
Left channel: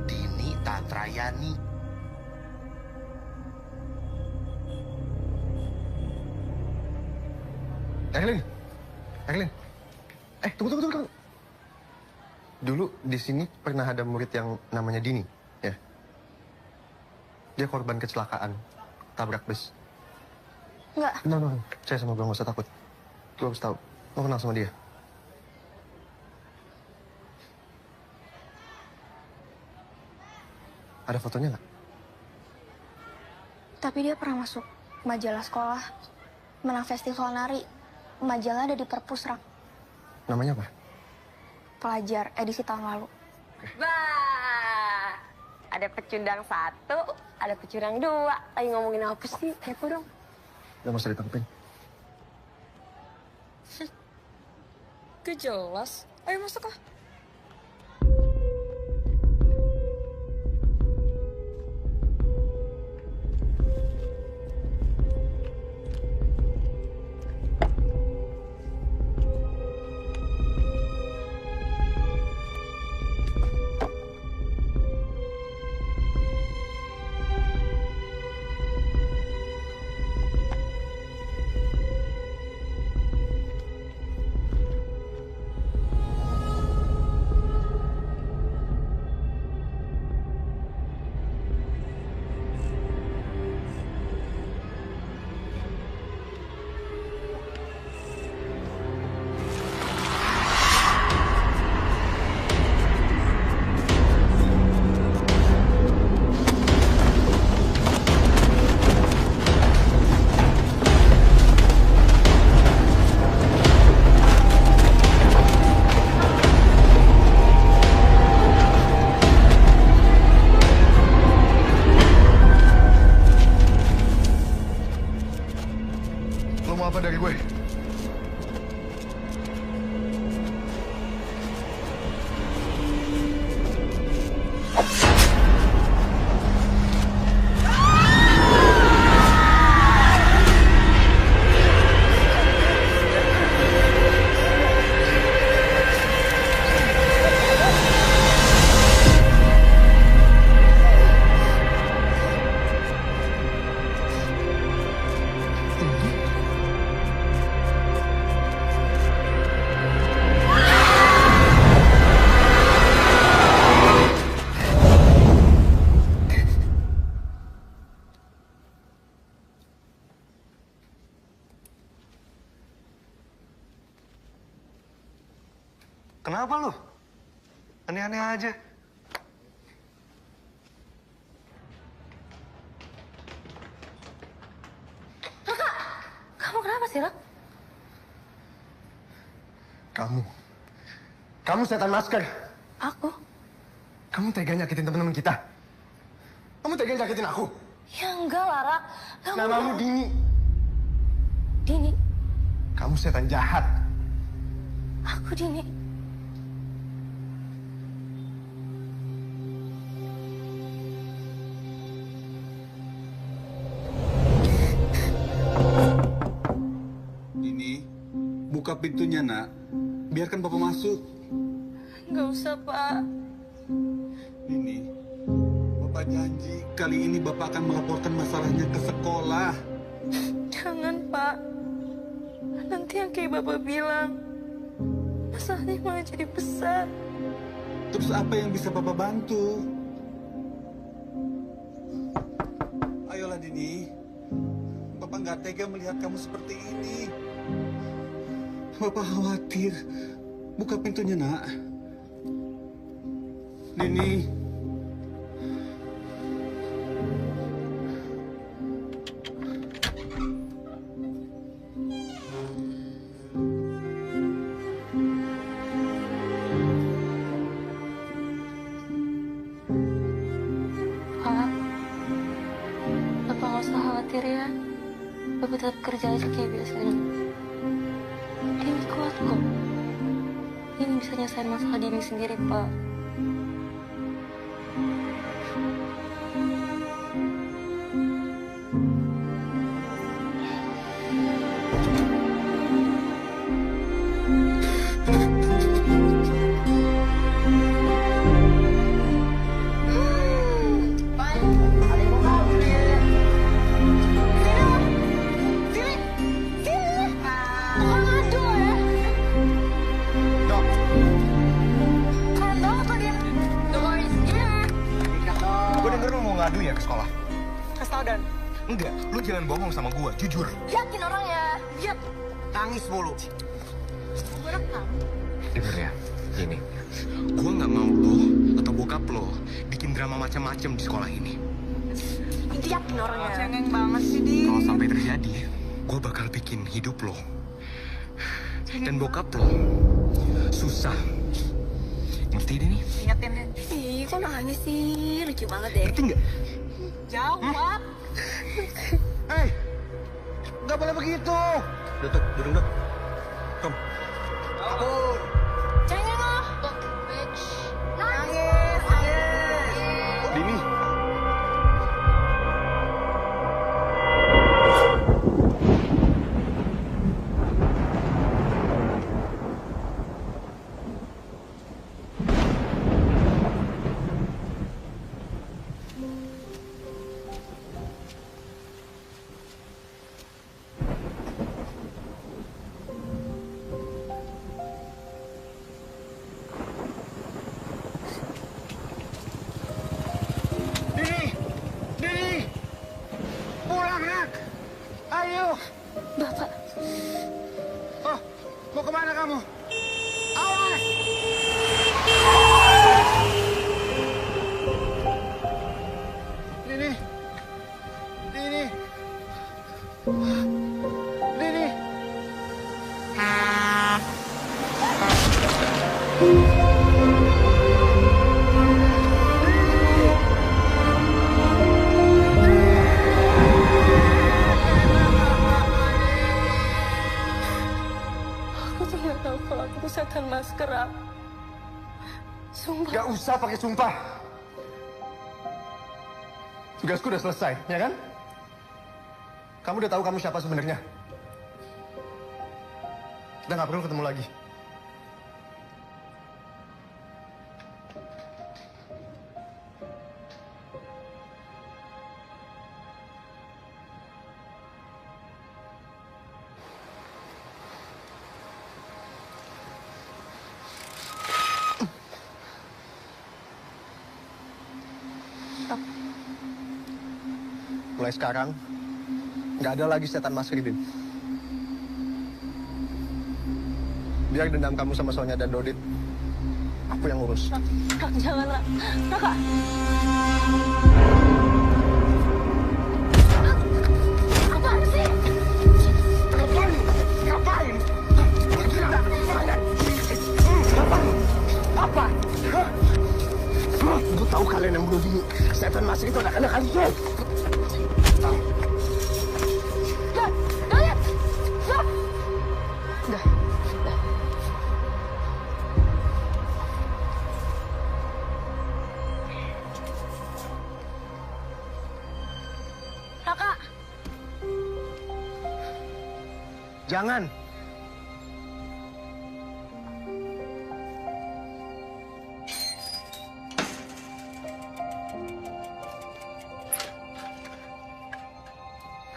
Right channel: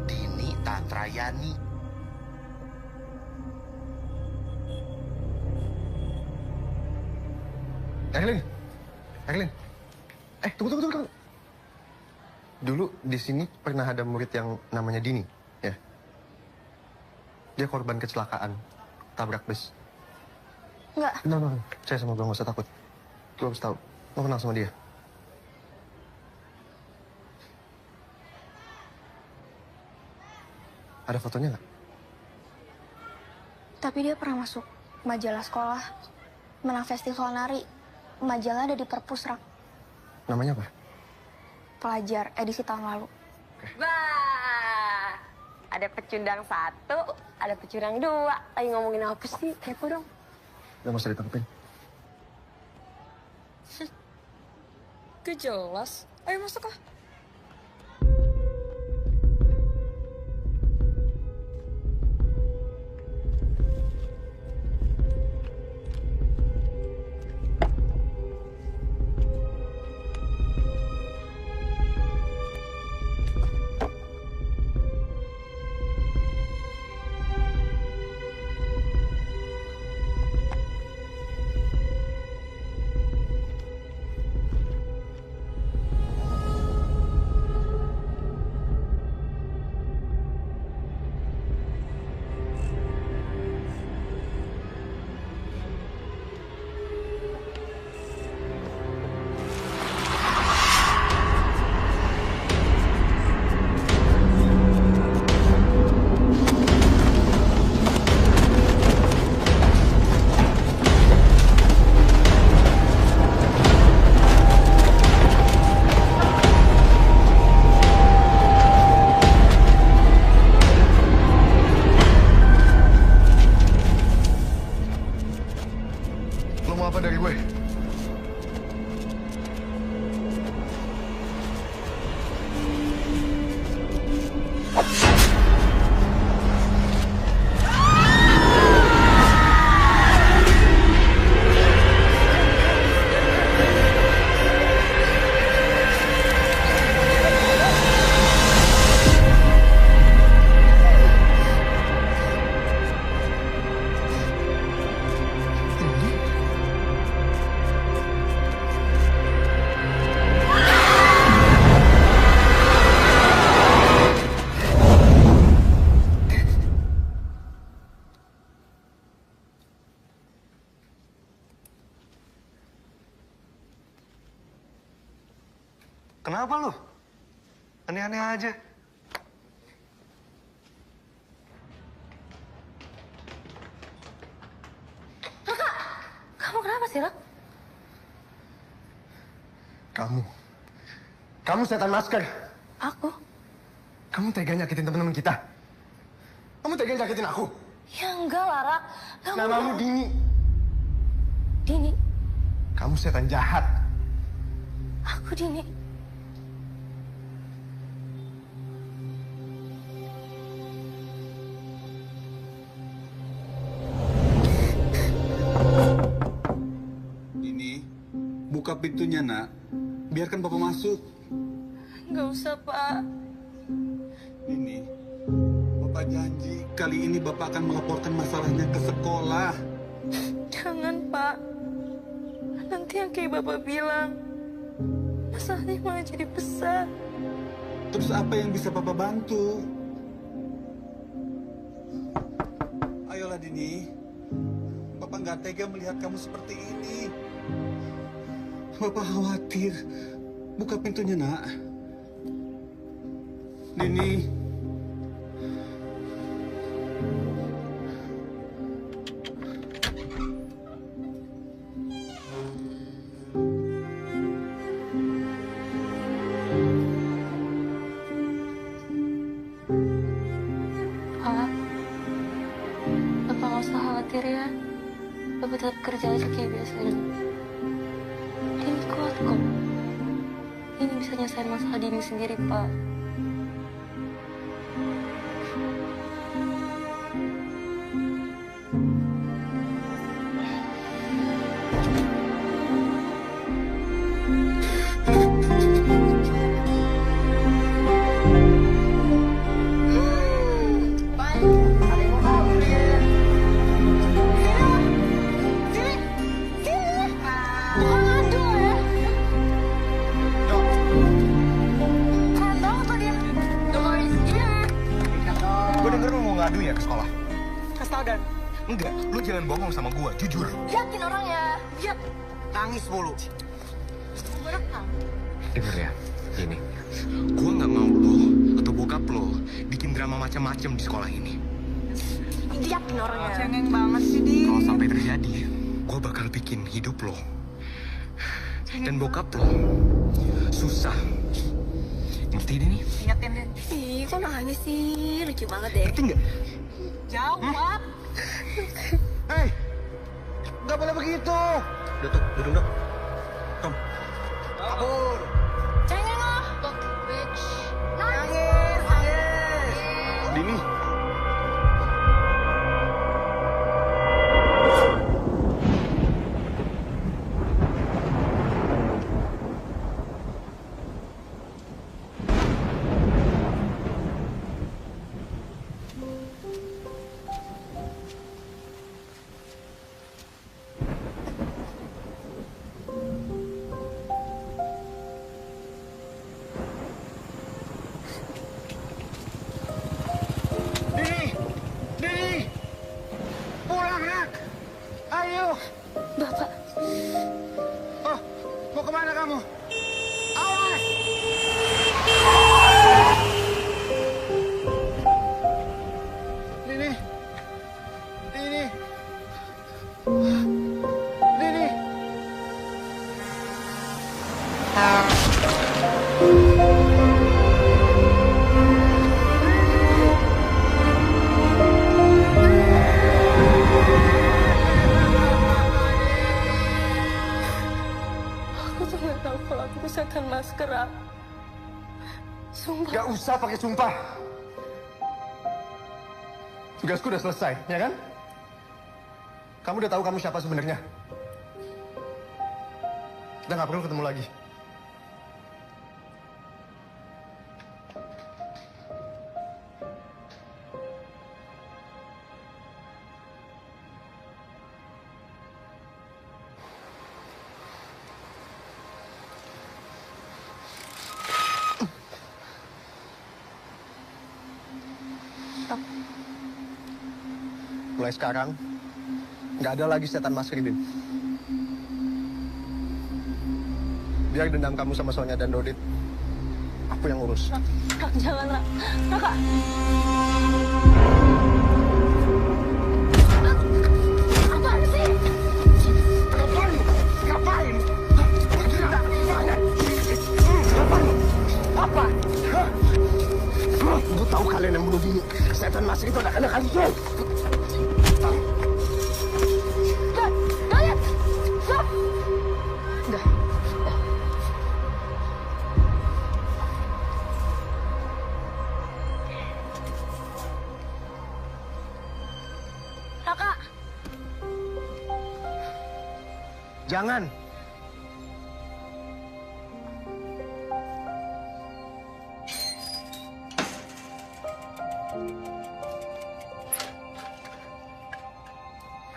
Dini Tantrayani. Erlin. Tunggu. Dulu di sini pernah ada murid yang namanya Dini, ya. Dia korban kecelakaan, tabrak bus. Enggak. No. Saya sama gue nggak usah takut. Gue harus tahu. Lo kenal sama dia? Ada fotonya nggak? Tapi dia pernah masuk majalah sekolah, menang festival nari. Majalah ada di Perpusrak. Namanya apa? Pelajar, edisi tahun lalu. Wah, ada pecundang 1, ada pecundang 2. Lagi ngomongin apa sih? Kepo dong. Gak usah ditangkepin. Gak jelas. Ayo masuk ah. Lo mau apa dari gue? Kenapa lo? Aneh-aneh aja. Kamu kenapa sih, Rak? Kamu setan masker. Aku? Kamu tega nyakitin teman-teman kita. Kamu tega nyakitin aku. Ya enggak lah, Rak. Namamu Dini. Dini? Kamu setan jahat. Aku Dini. Dini, buka pintunya, Nak. Biarkan Bapak masuk. Nggak usah, Pak. Dini, Bapak janji kali ini Bapak akan melaporkan masalahnya ke sekolah. Jangan, Pak. Nanti yang kayak Bapak bilang, masalahnya malah jadi besar. Terus apa yang bisa Bapak bantu? Ayolah, Dini. Bapak nggak tega melihat kamu seperti ini. Bapak khawatir. Buka pintunya, nak. Dini. Pak, Bapak nggak usah khawatir ya. Bapak tetap kerja aja kayak biasanya. Dini kuat kok. Ini bisa nyelesain masalah Dini sendiri, Pak. Ada yang mau kabur ya? Sini lo. Sini. Sini. Bukan ngadu ya. Dok, Keren banget lo dia. Iya. Dikat dong. Gue denger lu mau ngadu ya ke sekolah? Kasih tau Dan. Enggak, lu jangan bohong sama gue, jujur. Yakin orangnya. Lihat. Nangis mulu. Gue rekam. Dengar ya, ini. Gue nggak mau lo atau bokap lo bikin drama macam-macam di sekolah ini. Yakin orangnya. Cengeng banget sih, Di. Kalau sampai terjadi, gue bakal bikin hidup lo dan bokap lo susah. Ngerti deh nih? Ingetin Den. Ih, kok nangis sih? Lucu banget deh. Ngerti nggak? Jawab. hei, nggak boleh begitu. Udah tuh, duduk dah. Kom. Kabur. Cengeng lo. Nangis, nangis. Dini, Dini, pulang nak. Ayo. Bapak, Oh, mau kemana kamu? Awas. Dini, Dini, Dini. Dini. aku tuh nggak tahu kalau aku tuh setan masker. Sumpah. Gak usah pakai sumpah. Tugasku udah selesai, ya kan? Kamu udah tahu kamu siapa sebenarnya. Kita nggak perlu ketemu lagi. Mulai sekarang, nggak ada lagi setan Mas Ridin. Biar dendam kamu sama Sonya dan Dodit, aku yang ngurus. Rak, jangan, Rak. Raka. Apaan sih? Ngapain? Ngapain? Ngapain? Apa? Gue tahu kalian yang bunuh Dini. Setan Mas itu anak-anak kalian. Udah. Raka. Jangan.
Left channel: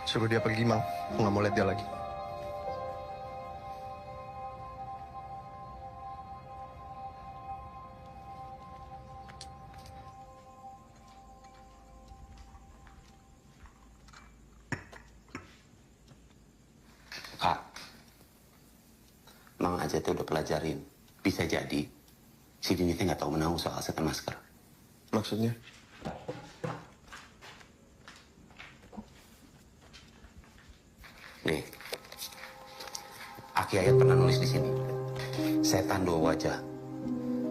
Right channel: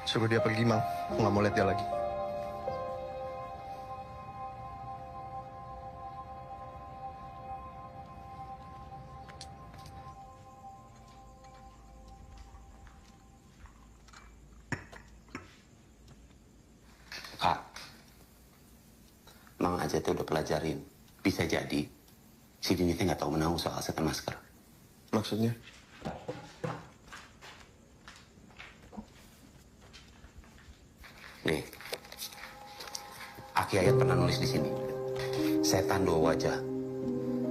Suruh dia pergi, Mang. Aku nggak mau lihat dia lagi. Kak, Mang Ajat udah pelajarin. Bisa jadi si Dini nggak tahu menahu soal setan masker. Maksudnya? Nih, Aki Ayat pernah nulis di sini. Setan dua wajah.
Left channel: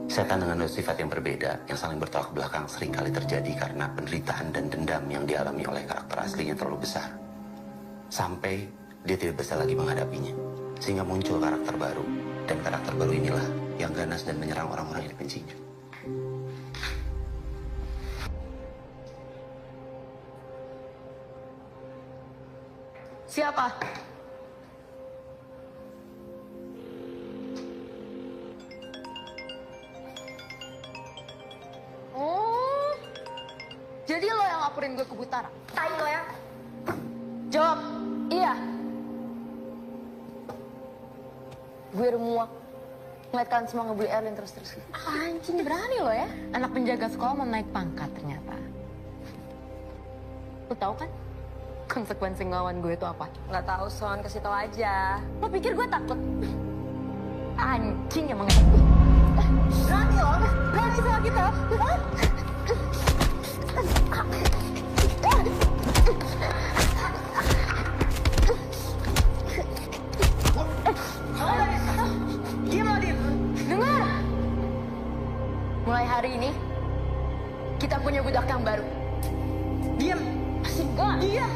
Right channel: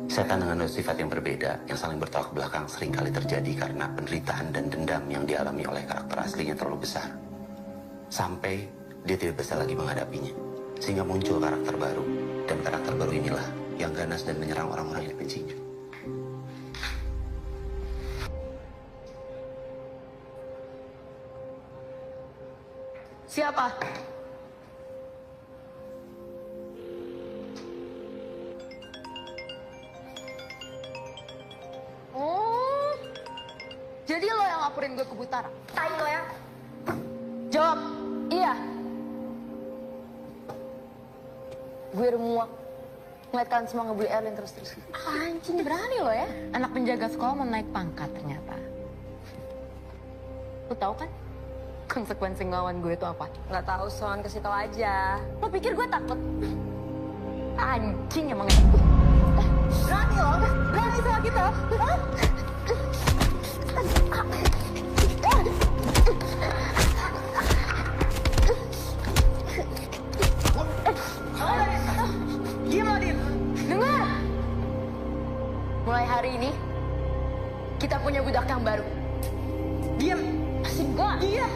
Setan dengan dua sifat yang berbeda, yang saling bertolak belakang seringkali terjadi karena penderitaan dan dendam yang dialami oleh karakter aslinya terlalu besar. Sampai dia tidak bisa lagi menghadapinya. Sehingga muncul karakter baru. Dan karakter baru inilah yang ganas dan menyerang orang-orang yang dibencinya. Siapa? Oh, jadi lo yang laporin gue ke Butara? Tai lo ya? Jawab, iya. Gue udah muak ngeliat kalian semua ngebully Erlin terus-terus. Anjing, berani lo ya? Anak penjaga sekolah mau naik pangkat ternyata. Lo tau kan konsekuensi ngelawan gue itu apa? Nggak tahu, Son. Kasih tau aja. Lo pikir gue takut? Anjing emang itu. Berani lo? Berani sama kita? Hah? Diam lo, Dim. Dengar. Mulai hari ini, kita punya budak yang baru. Diam. Masih enggak? Diam.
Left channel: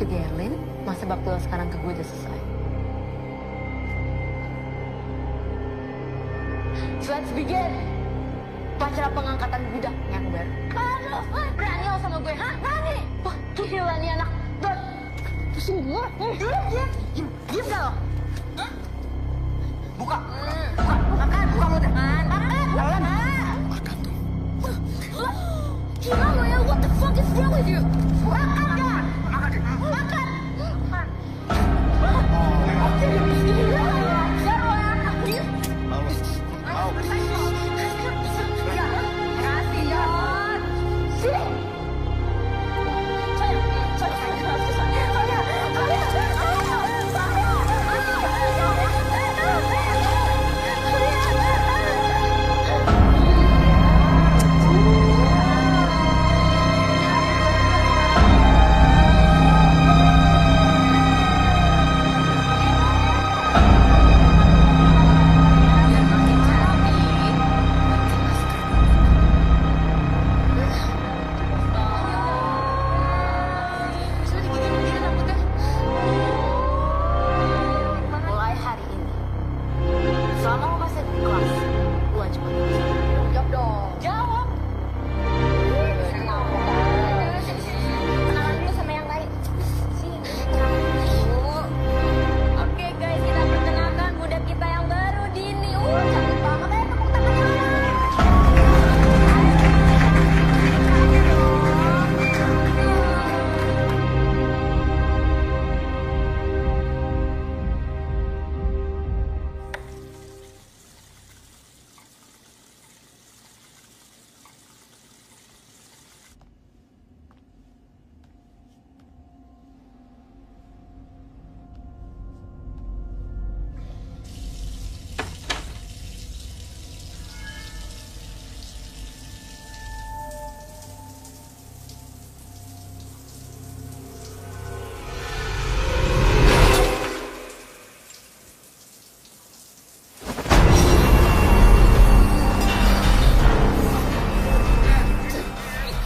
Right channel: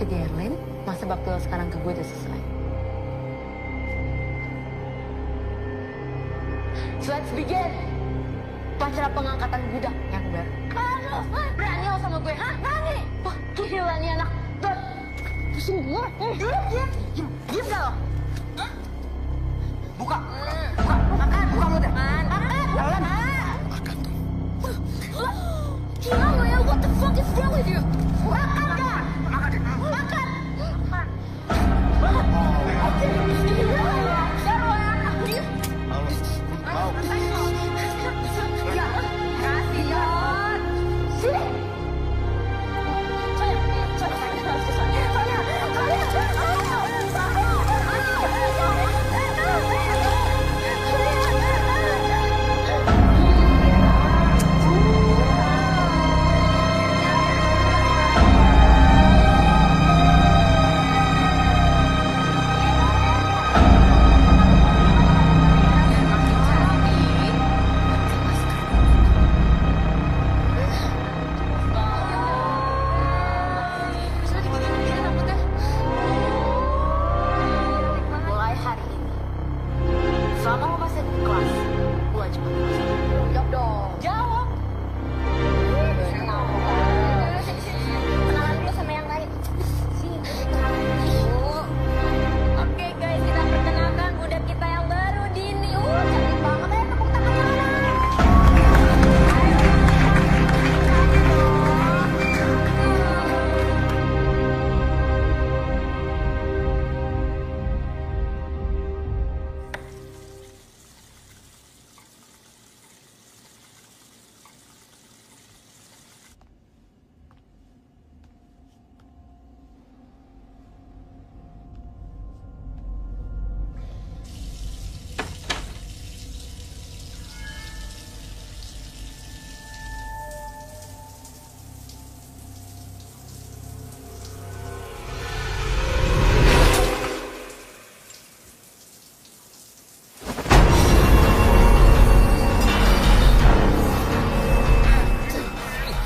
Jadi Erlin, masa bakti lo sekarang ke gue udah selesai. So let's begin. Upacara pengangkatan budak yang baru. Aduh, berani lo sama gue, hah? Berani? Wah, gila nih anak. Dot, pusing gue. Diam gak lo? Hah? Buka. Makan. Buka mulut. Makan. Makan tuh. Gila lo ya, what the fuck is wrong with you? Makan gak? Makan. Gila lo ya, jaro ya. Mau lu? Mau? Ya, ngasih Dot. Sini. Saya. Biar makin cantik, pakai masker dulu. Bisa diginiin rambutnya. Mulai hari ini, selama lo masih ada di kelas, lo wajib pakai masker. Jawab dong. Jawab. Kenalan dulu sama yang lain. Sini, kenalan dulu. Oke guys, kita perkenalkan budak kita yang baru, Dini. Cantik banget ya, tepuk tangannya mana? Ayo, Dini, tepuk tangannya dong.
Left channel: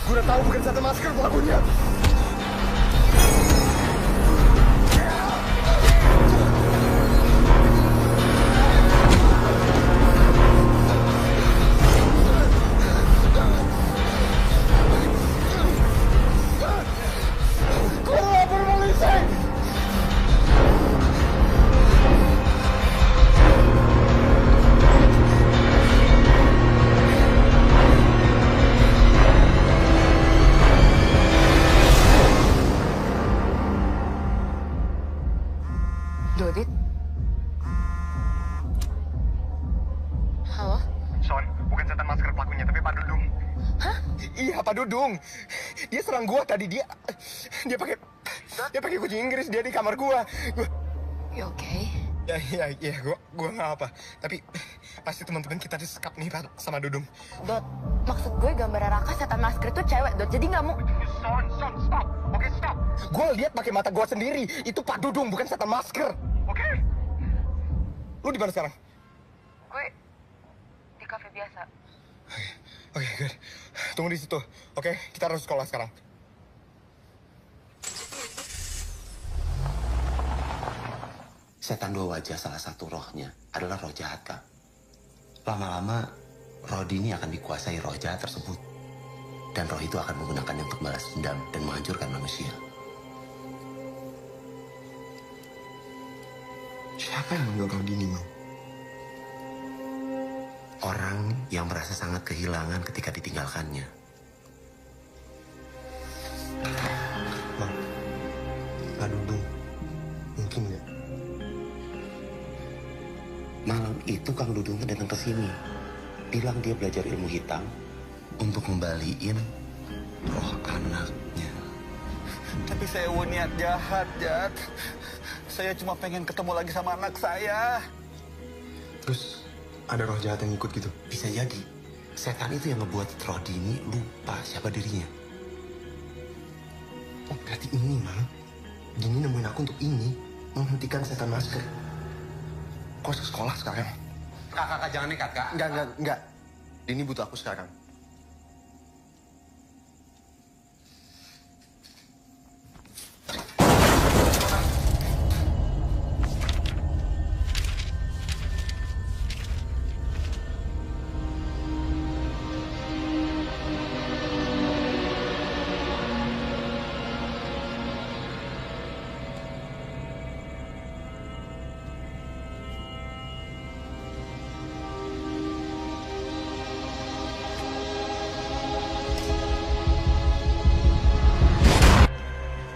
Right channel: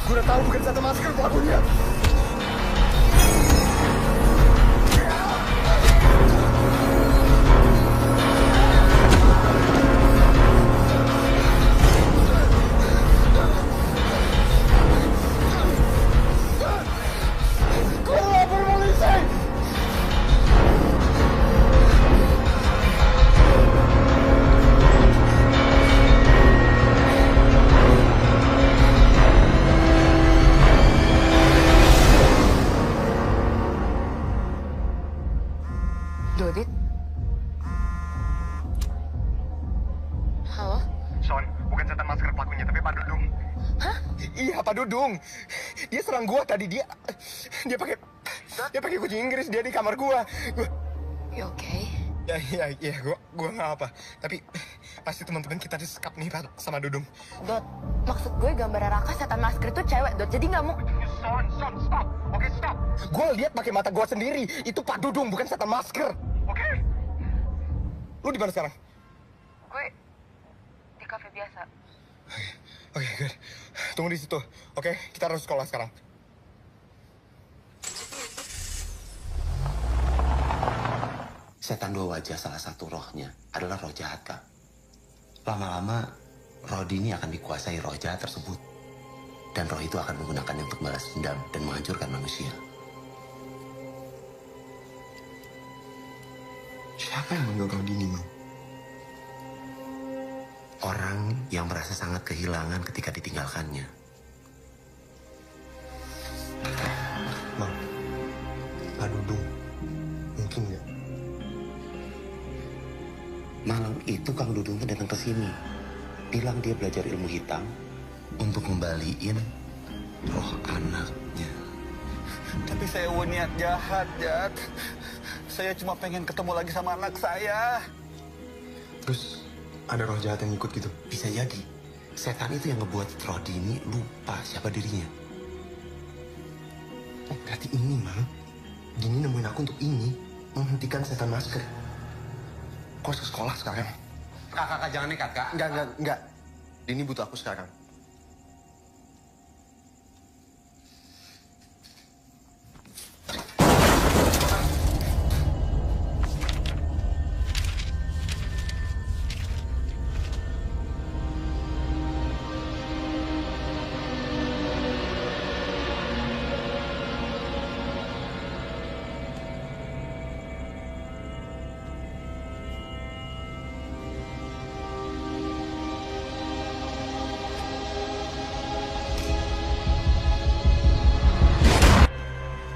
Gue udah tahu bukan satu masker pelakunya. Gue lapor polisi. Dodit? Halo? Son, bukan setan masker pelakunya, tapi Pak Dudung. Hah? Iya, Pak Dudung. Dia serang gua tadi. Dia pakai kucing Inggris. Dia di kamar gua. You okay? Ya, gua nggak apa. Tapi pasti teman-teman kita disekap nih sama Dudung. Dot, maksud gue gambar Raka setan masker itu cewek, Dot. Jadi nggak mau... Son, stop. Oke, stop. Gue lihat pakai mata gue sendiri. Itu Pak Dudung, bukan setan masker. Oke? Lu di mana sekarang? Gue di kafe biasa. Oke, good. Tunggu di situ. Oke, kita harus sekolah sekarang. Setan dua wajah salah satu rohnya adalah roh jahat, Kak. Lama-lama, roh ini akan dikuasai roh jahat tersebut. Dan roh itu akan menggunakannya untuk balas dendam dan menghancurkan manusia. Siapa yang manggil kau Dini, Mang? Orang yang merasa sangat kehilangan ketika ditinggalkannya. Mang, Pak Dudung, mungkin nggak? Malam itu Kang Dudung datang ke sini. Bilang dia belajar ilmu hitam untuk ngembaliin roh anaknya. Tapi saya niat jahat, Jat. Saya cuma pengen ketemu lagi sama anak saya. Terus ada roh jahat yang ikut gitu? Bisa jadi. Setan itu yang ngebuat roh Dini lupa siapa dirinya. Oh, berarti ini, Mang. Dini nemuin aku untuk ini. Menghentikan setan masker. Kau harus ke sekolah sekarang. Kakak jangan nekat, Kak. Enggak. Dini butuh aku sekarang.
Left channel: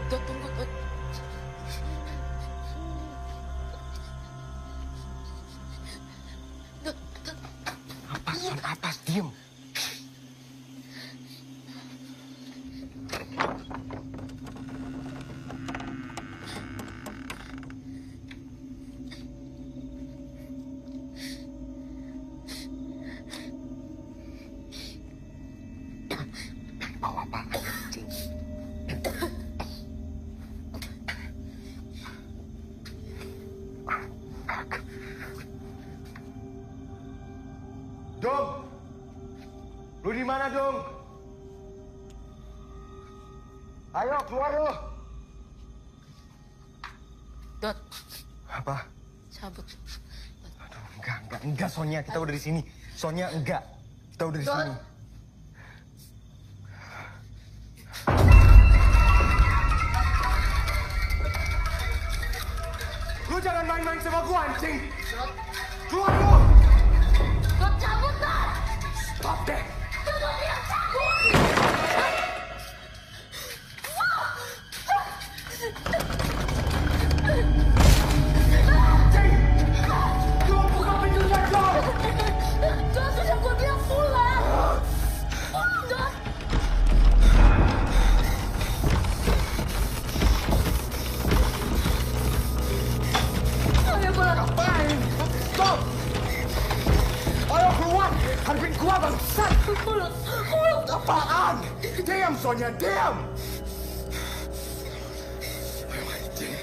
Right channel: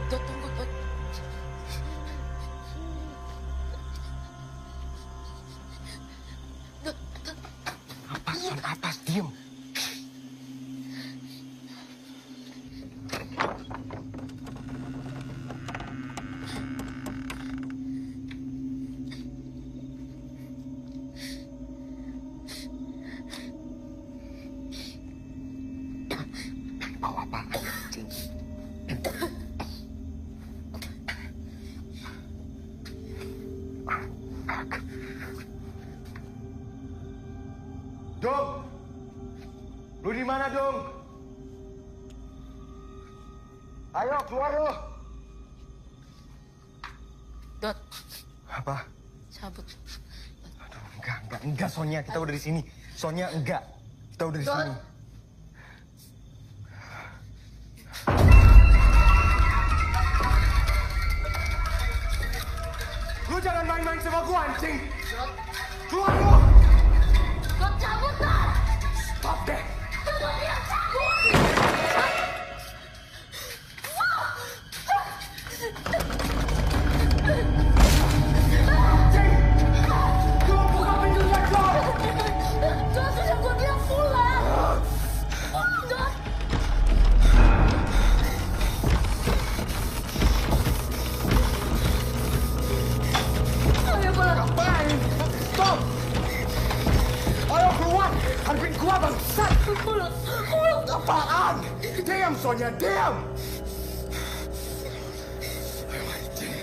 Dot, tunggu, Dot. Dot. Apa, Son? Apa? Diem. Bawa apa? Cing. Dong! Lu di mana, Dong? Ayo, keluar lu! Dot, Apa? cabut. Aduh, enggak, Sonya. Kita udah di sini. Sonya, enggak. Kita udah di sini. Lu jangan main-main sama gua, anjing! Keluar lu! Dot, cabut, Dot! Stop deh! Tunggu dia cabut! Anjing! Lu buka pintunya, Dong! Dot, sudah gue bilang pulang! Pulang, Dot! Ayo pulang! Ngapain? Stop! Ayo keluar! Hadapin gua, bangsat! Pulang! Apaan? Diam, Sonya, diam! Ayo, anjing.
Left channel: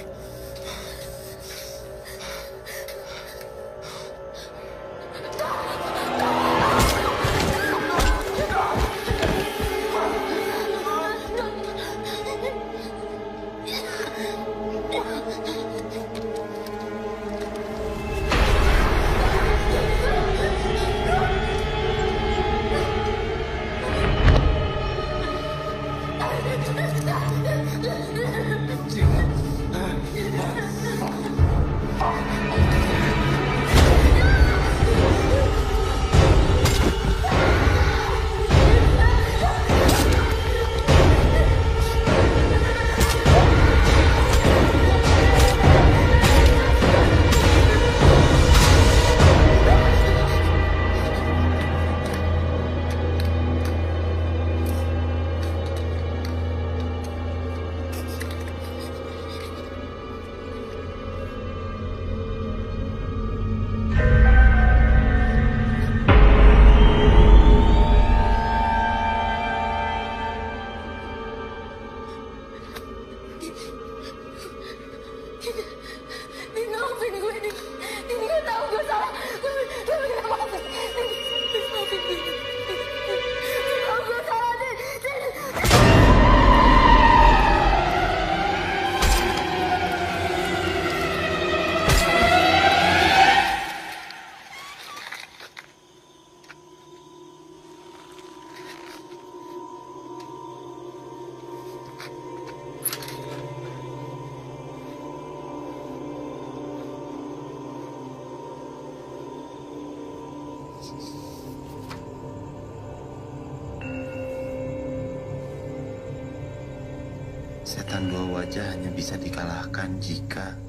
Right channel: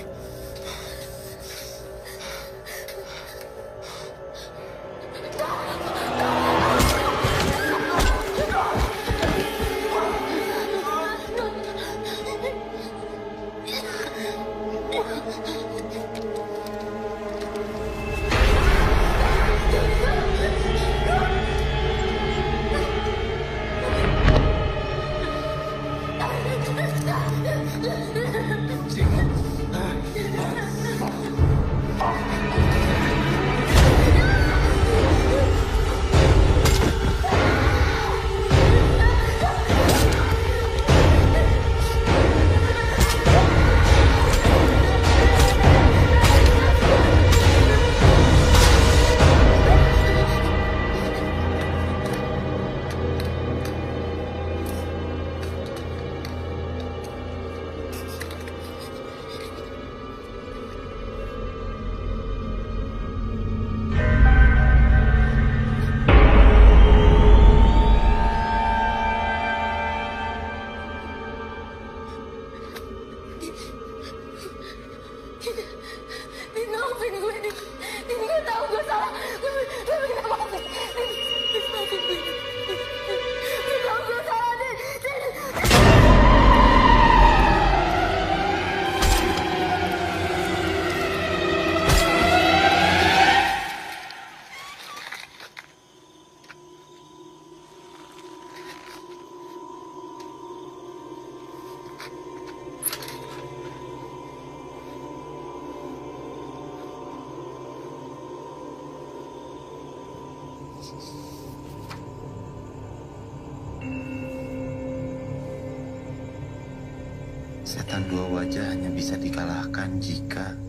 Setan dua wajah hanya bisa dikalahkan jika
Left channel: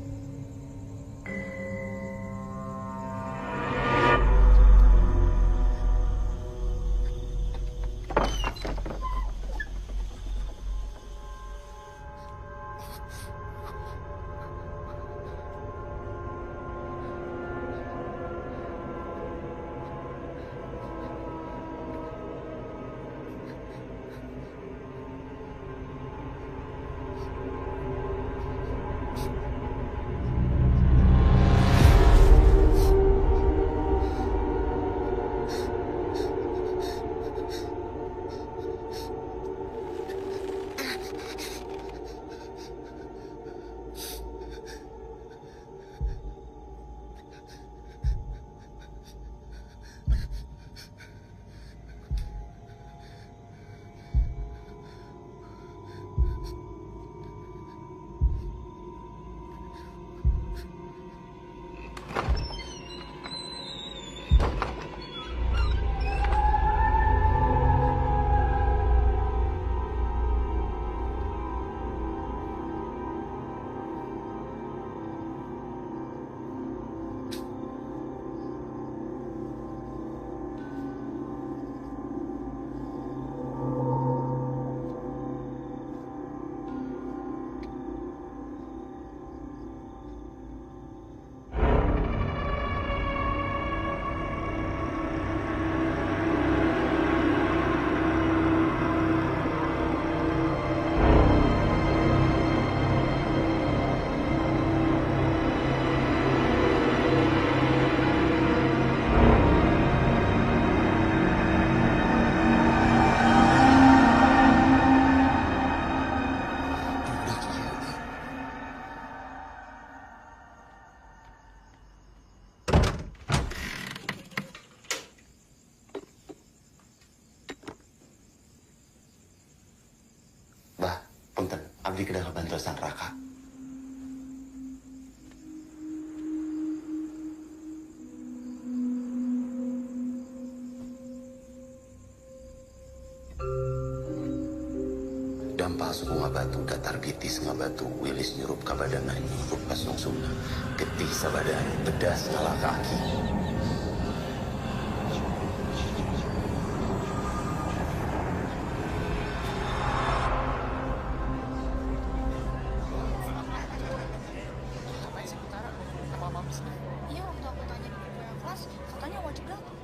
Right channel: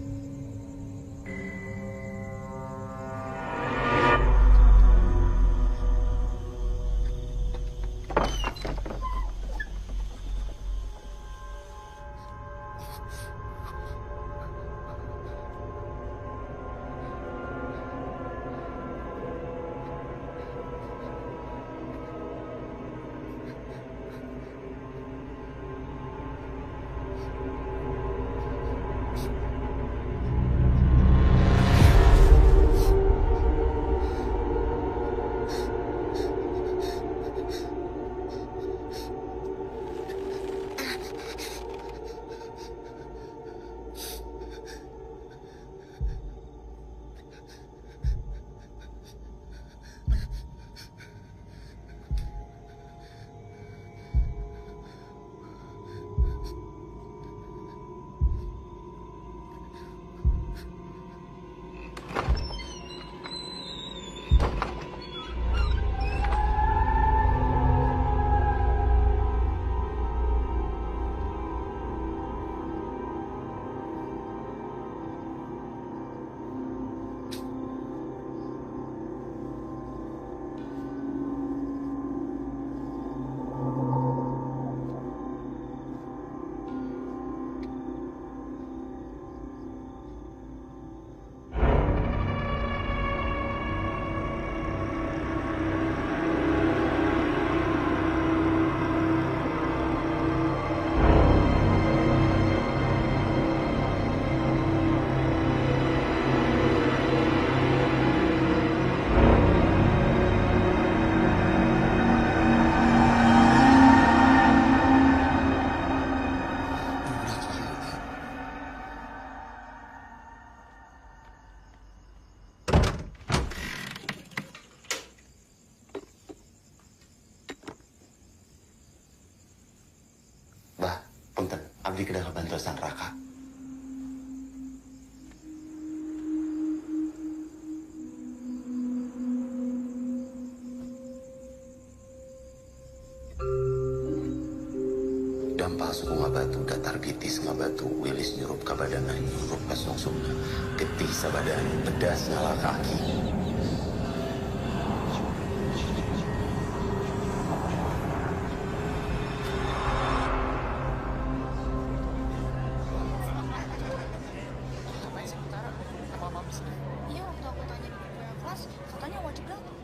udah iya ya. Bah, punten, abdi kedah bantuan Raka. Dampal suku ngabatu, datar bitis ngabatu, wilis nyurup kabadana, nyurup kasungsungna, getih sabadaan, bedas ngalah kaki. Iya, waktu aku tanya di buku yang kelas, katanya wajib datang.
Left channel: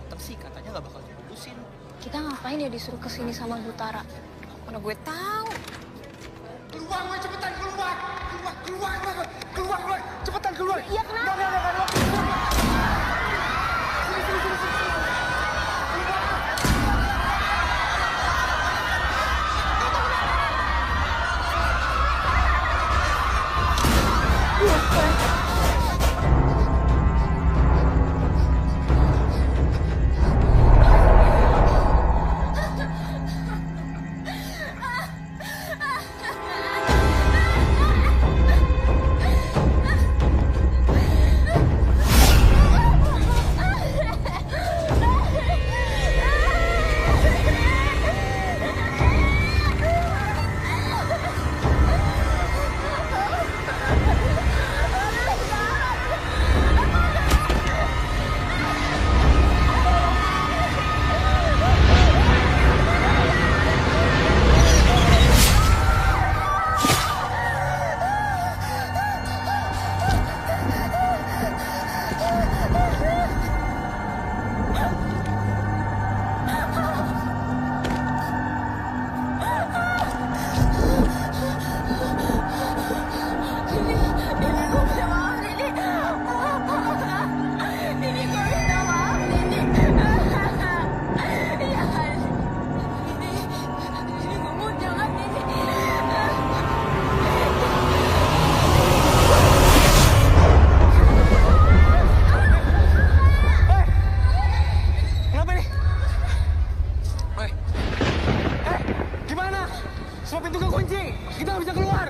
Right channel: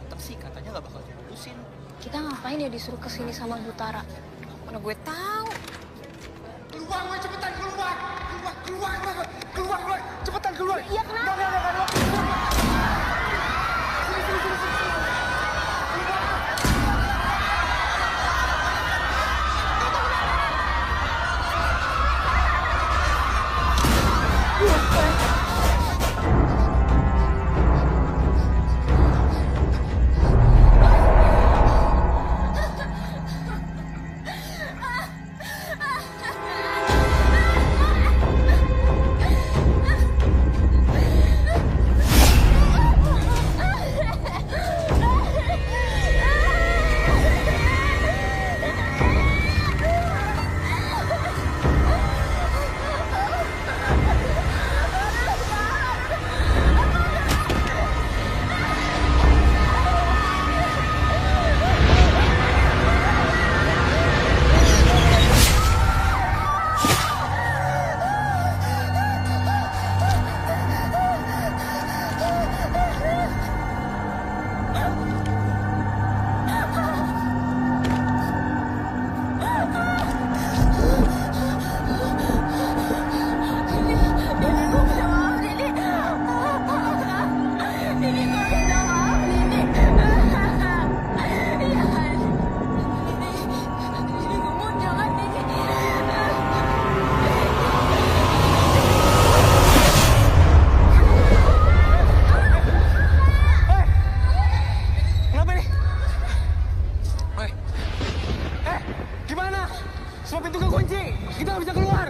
Datang sih, katanya gak bakal dilulusin. Kita ngapain ya disuruh kesini sama Butara? Mana gue tahu. Keluar, woy, cepetan keluar! Keluar, woy, cepetan keluar! Iya, kenapa? Ini gue minta maaf, Nini. Ini gue minta maaf, Nini. Ya, Nini gue mau jangan, Nini. Kenapa nih? Gimana? Semua pintu kekunci. Kita nggak bisa keluar.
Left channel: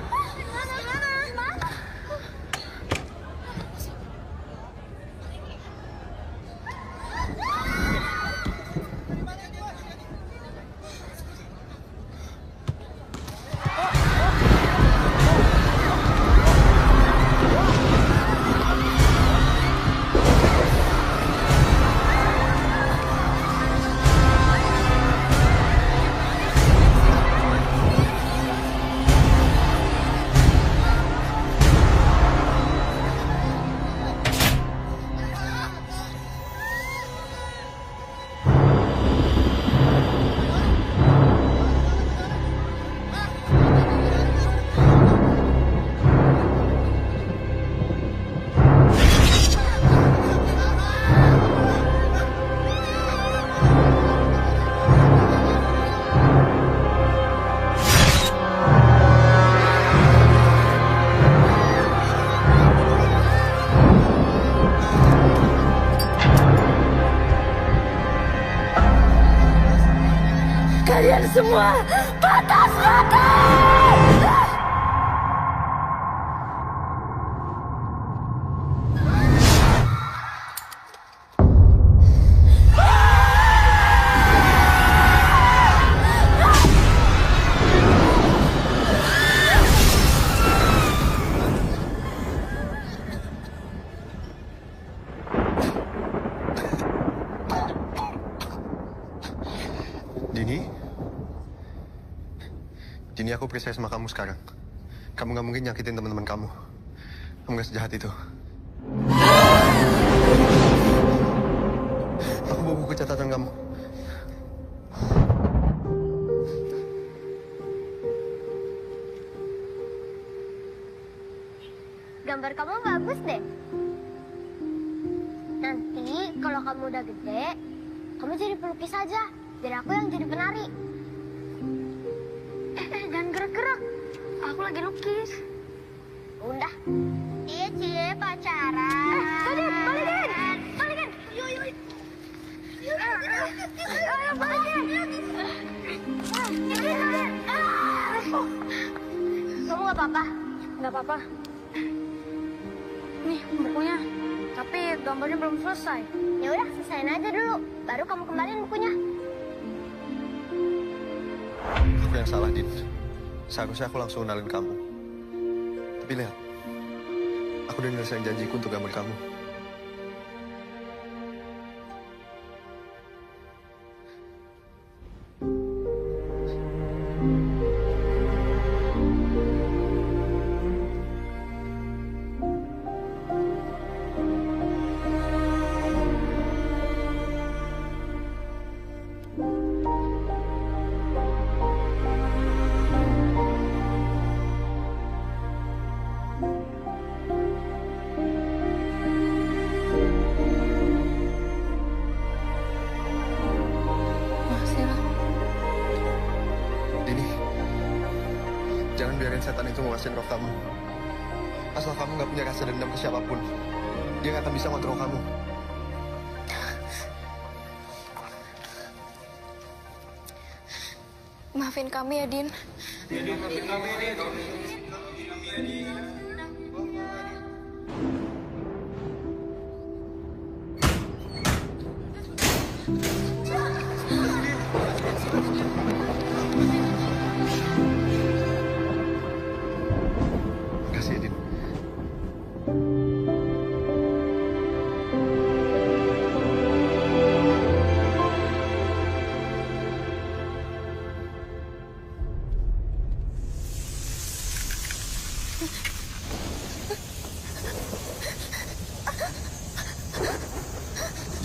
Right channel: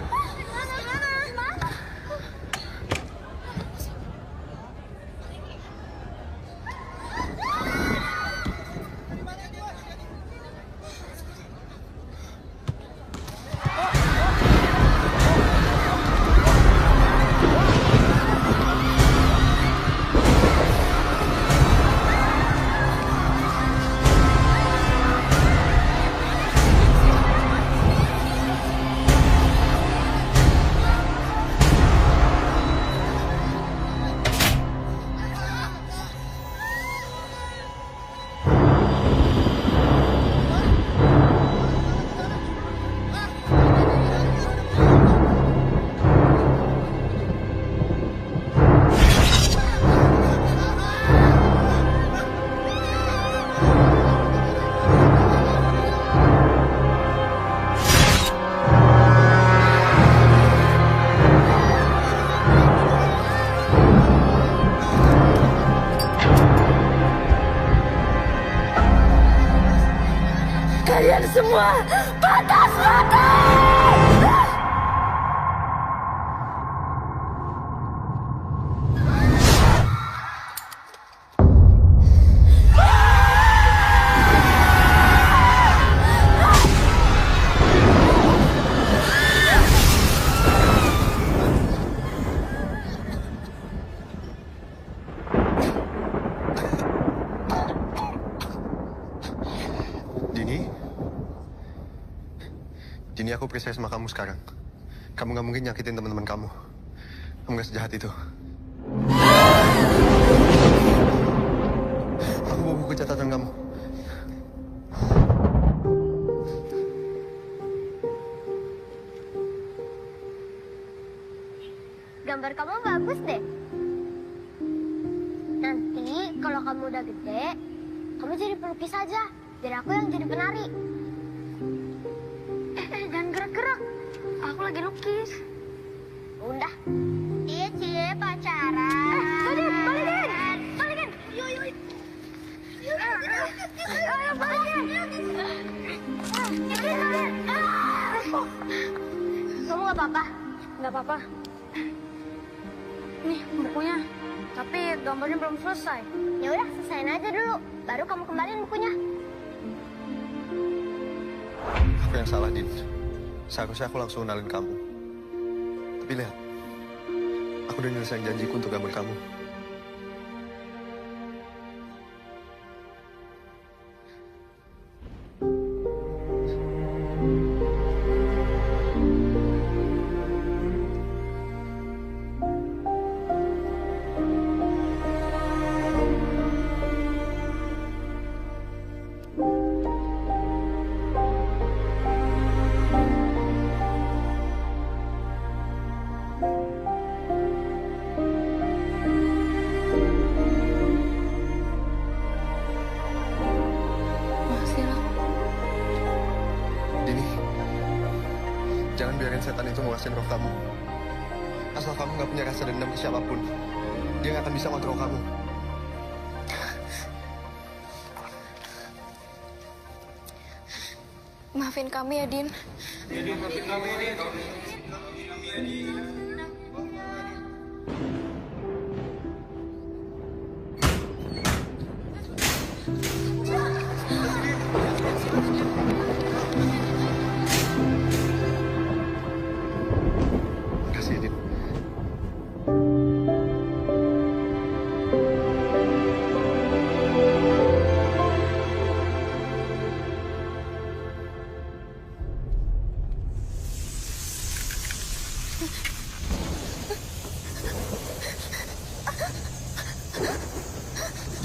Kalian semua patah selatan! Dini, aku percaya sama kamu sekarang. Kamu nggak mungkin nyakitin teman-teman kamu. Kamu nggak sejahat itu. Aku bawa buku catatan kamu. Gambar kamu bagus deh. Nanti kalau kamu udah gede, kamu jadi pelukis aja. Biar aku yang jadi penari. Jangan gerak-gerak. Aku lagi lukis. Udah. Cie pacaran. Balikin. Balikin. Yuk. Ayo, balikin. Kamu nggak apa-apa? Nggak apa-apa. Nih bukunya. Tapi gambarnya belum selesai. Ya udah, selesain aja dulu. Baru kamu kembaliin bukunya. Aku yang salah, Din. Seharusnya aku langsung kenalin kamu. Tapi lihat, aku udah nyelesain janjiku untuk gambar kamu. Dini, jangan biarin setan itu nguasain roh kamu. Asal kamu nggak punya rasa dendam ke siapapun, dia nggak akan bisa ngontrol kamu. Maafin kami ya, Din. Maafin kami ya, Din. Makasih, Din.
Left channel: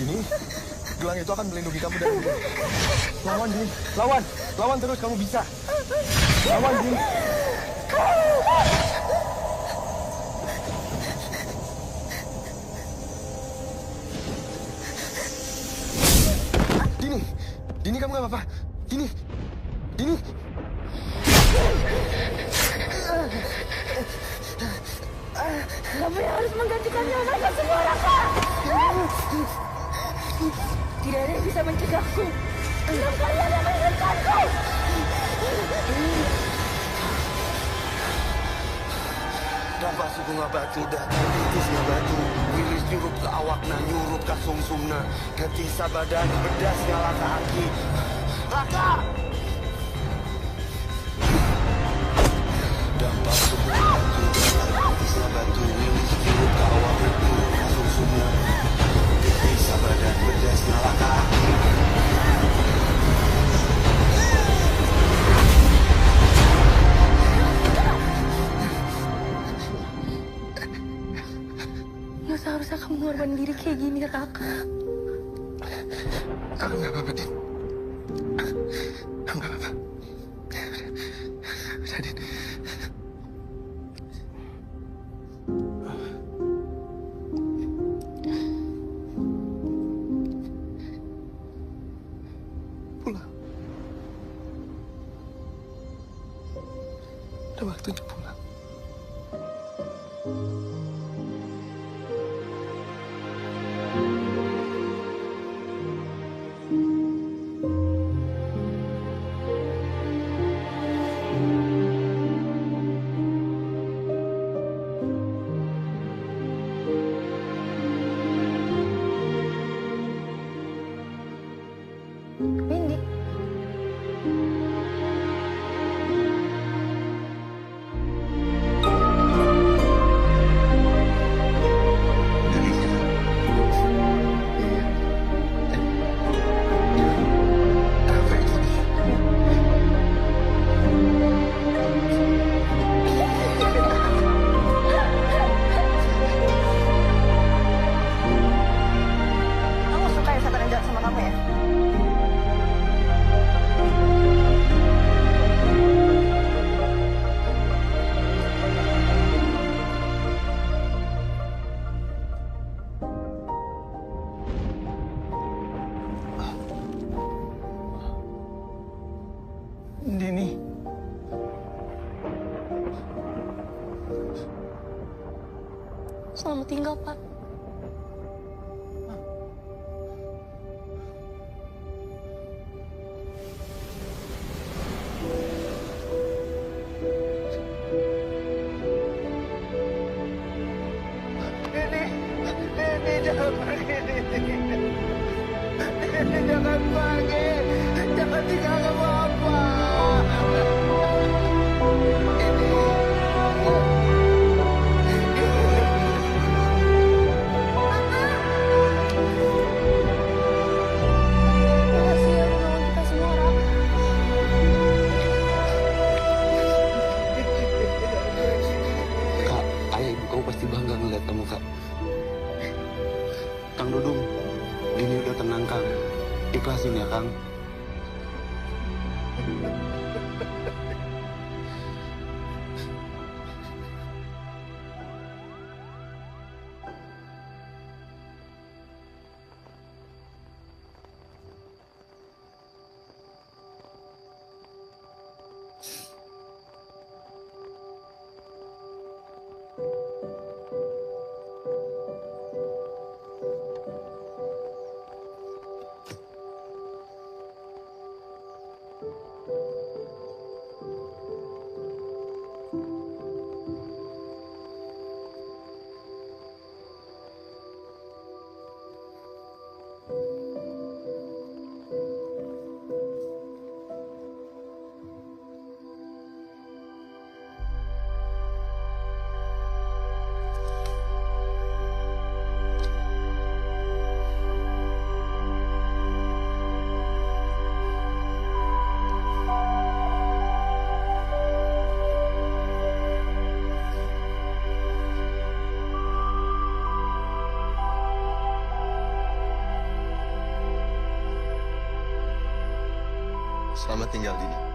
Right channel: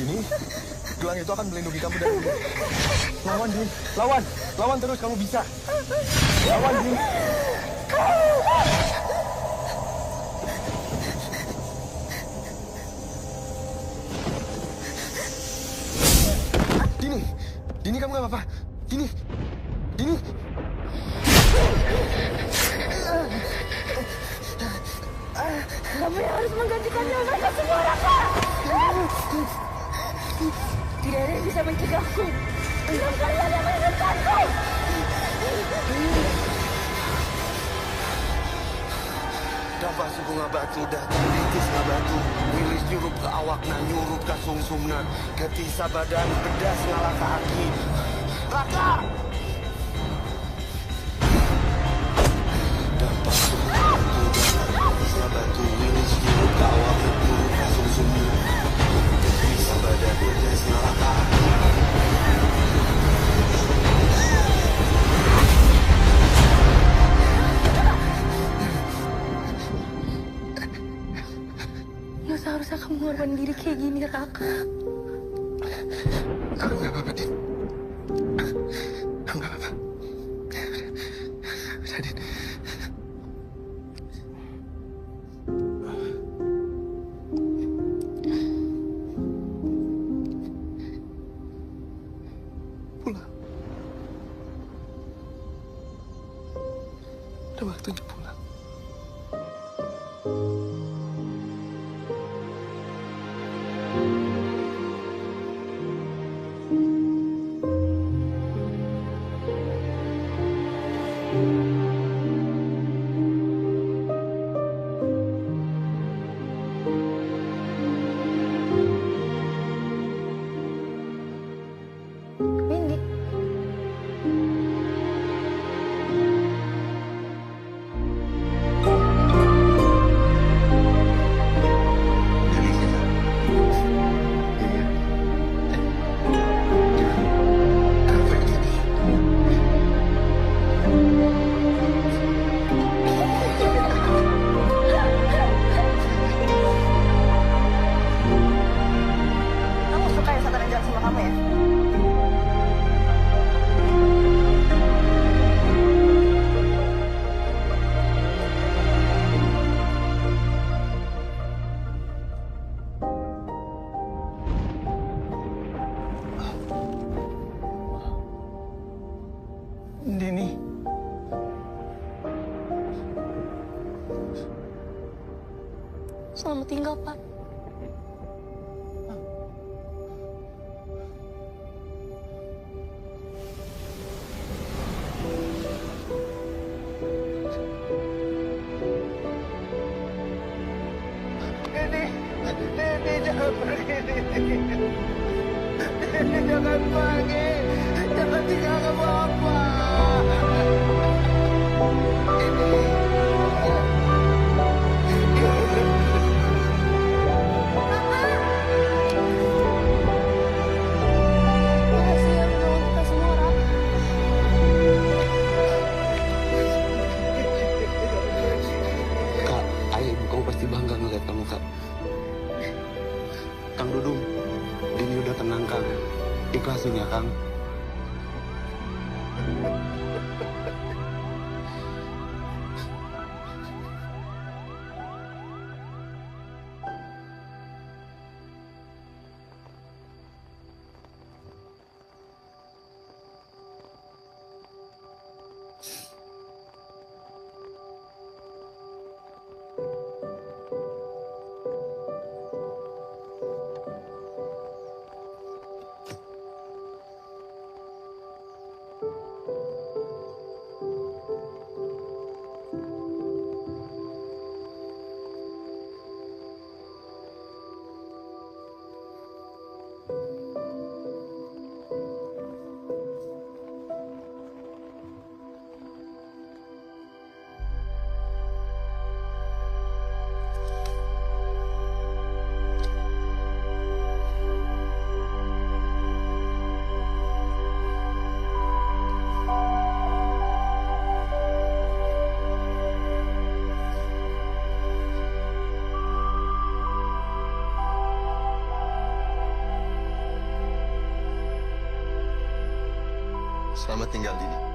Dini, gelang itu akan melindungi kamu dari dia. Lawan, Din. Lawan. Lawan terus, kamu bisa. Lawan, Din. Dini. Dini, kamu gak apa-apa. Dini. Dini. Kamu yang harus menggantikan nyawa mereka semua, Raka! Tidak ada yang bisa mencegahku. Enam kalian yang menghidupkanku! Dampak suku ngabatu, datar bitis ngabatu. Wilis nyurup ke awakna, nyurup ke sumsumna. Getisa badan, bedas ngalah ke aki. Raka! Dampak suku ngabatu, datar bitis ngabatu. Wilis nyurup ke awakna, nyurup ke sumsumna. Getisa badan, bedas ngalah ke aki. Nggak seharusnya kamu ngorbanin diri kayak gini, Raka. Aku nggak apa-apa, Din. Aku nggak apa-apa. Udah, Din. Pulang. Udah waktunya pulang. ada setan yang jahat sama kamu ya? Dini. Selamat tinggal, Pak. Nini jangan pergi, Nini. Nini jangan pergi. Jangan tinggalkan Bapak. Nini. Makasih ya udah nolong kita semua, Rak. Kak, ayah ibu kamu pasti bangga ngeliat kamu, Kak. Kang Dudung, Dini udah tenang, Kang. Ikhlasin ya, Kang. Selamat tinggal, Dini.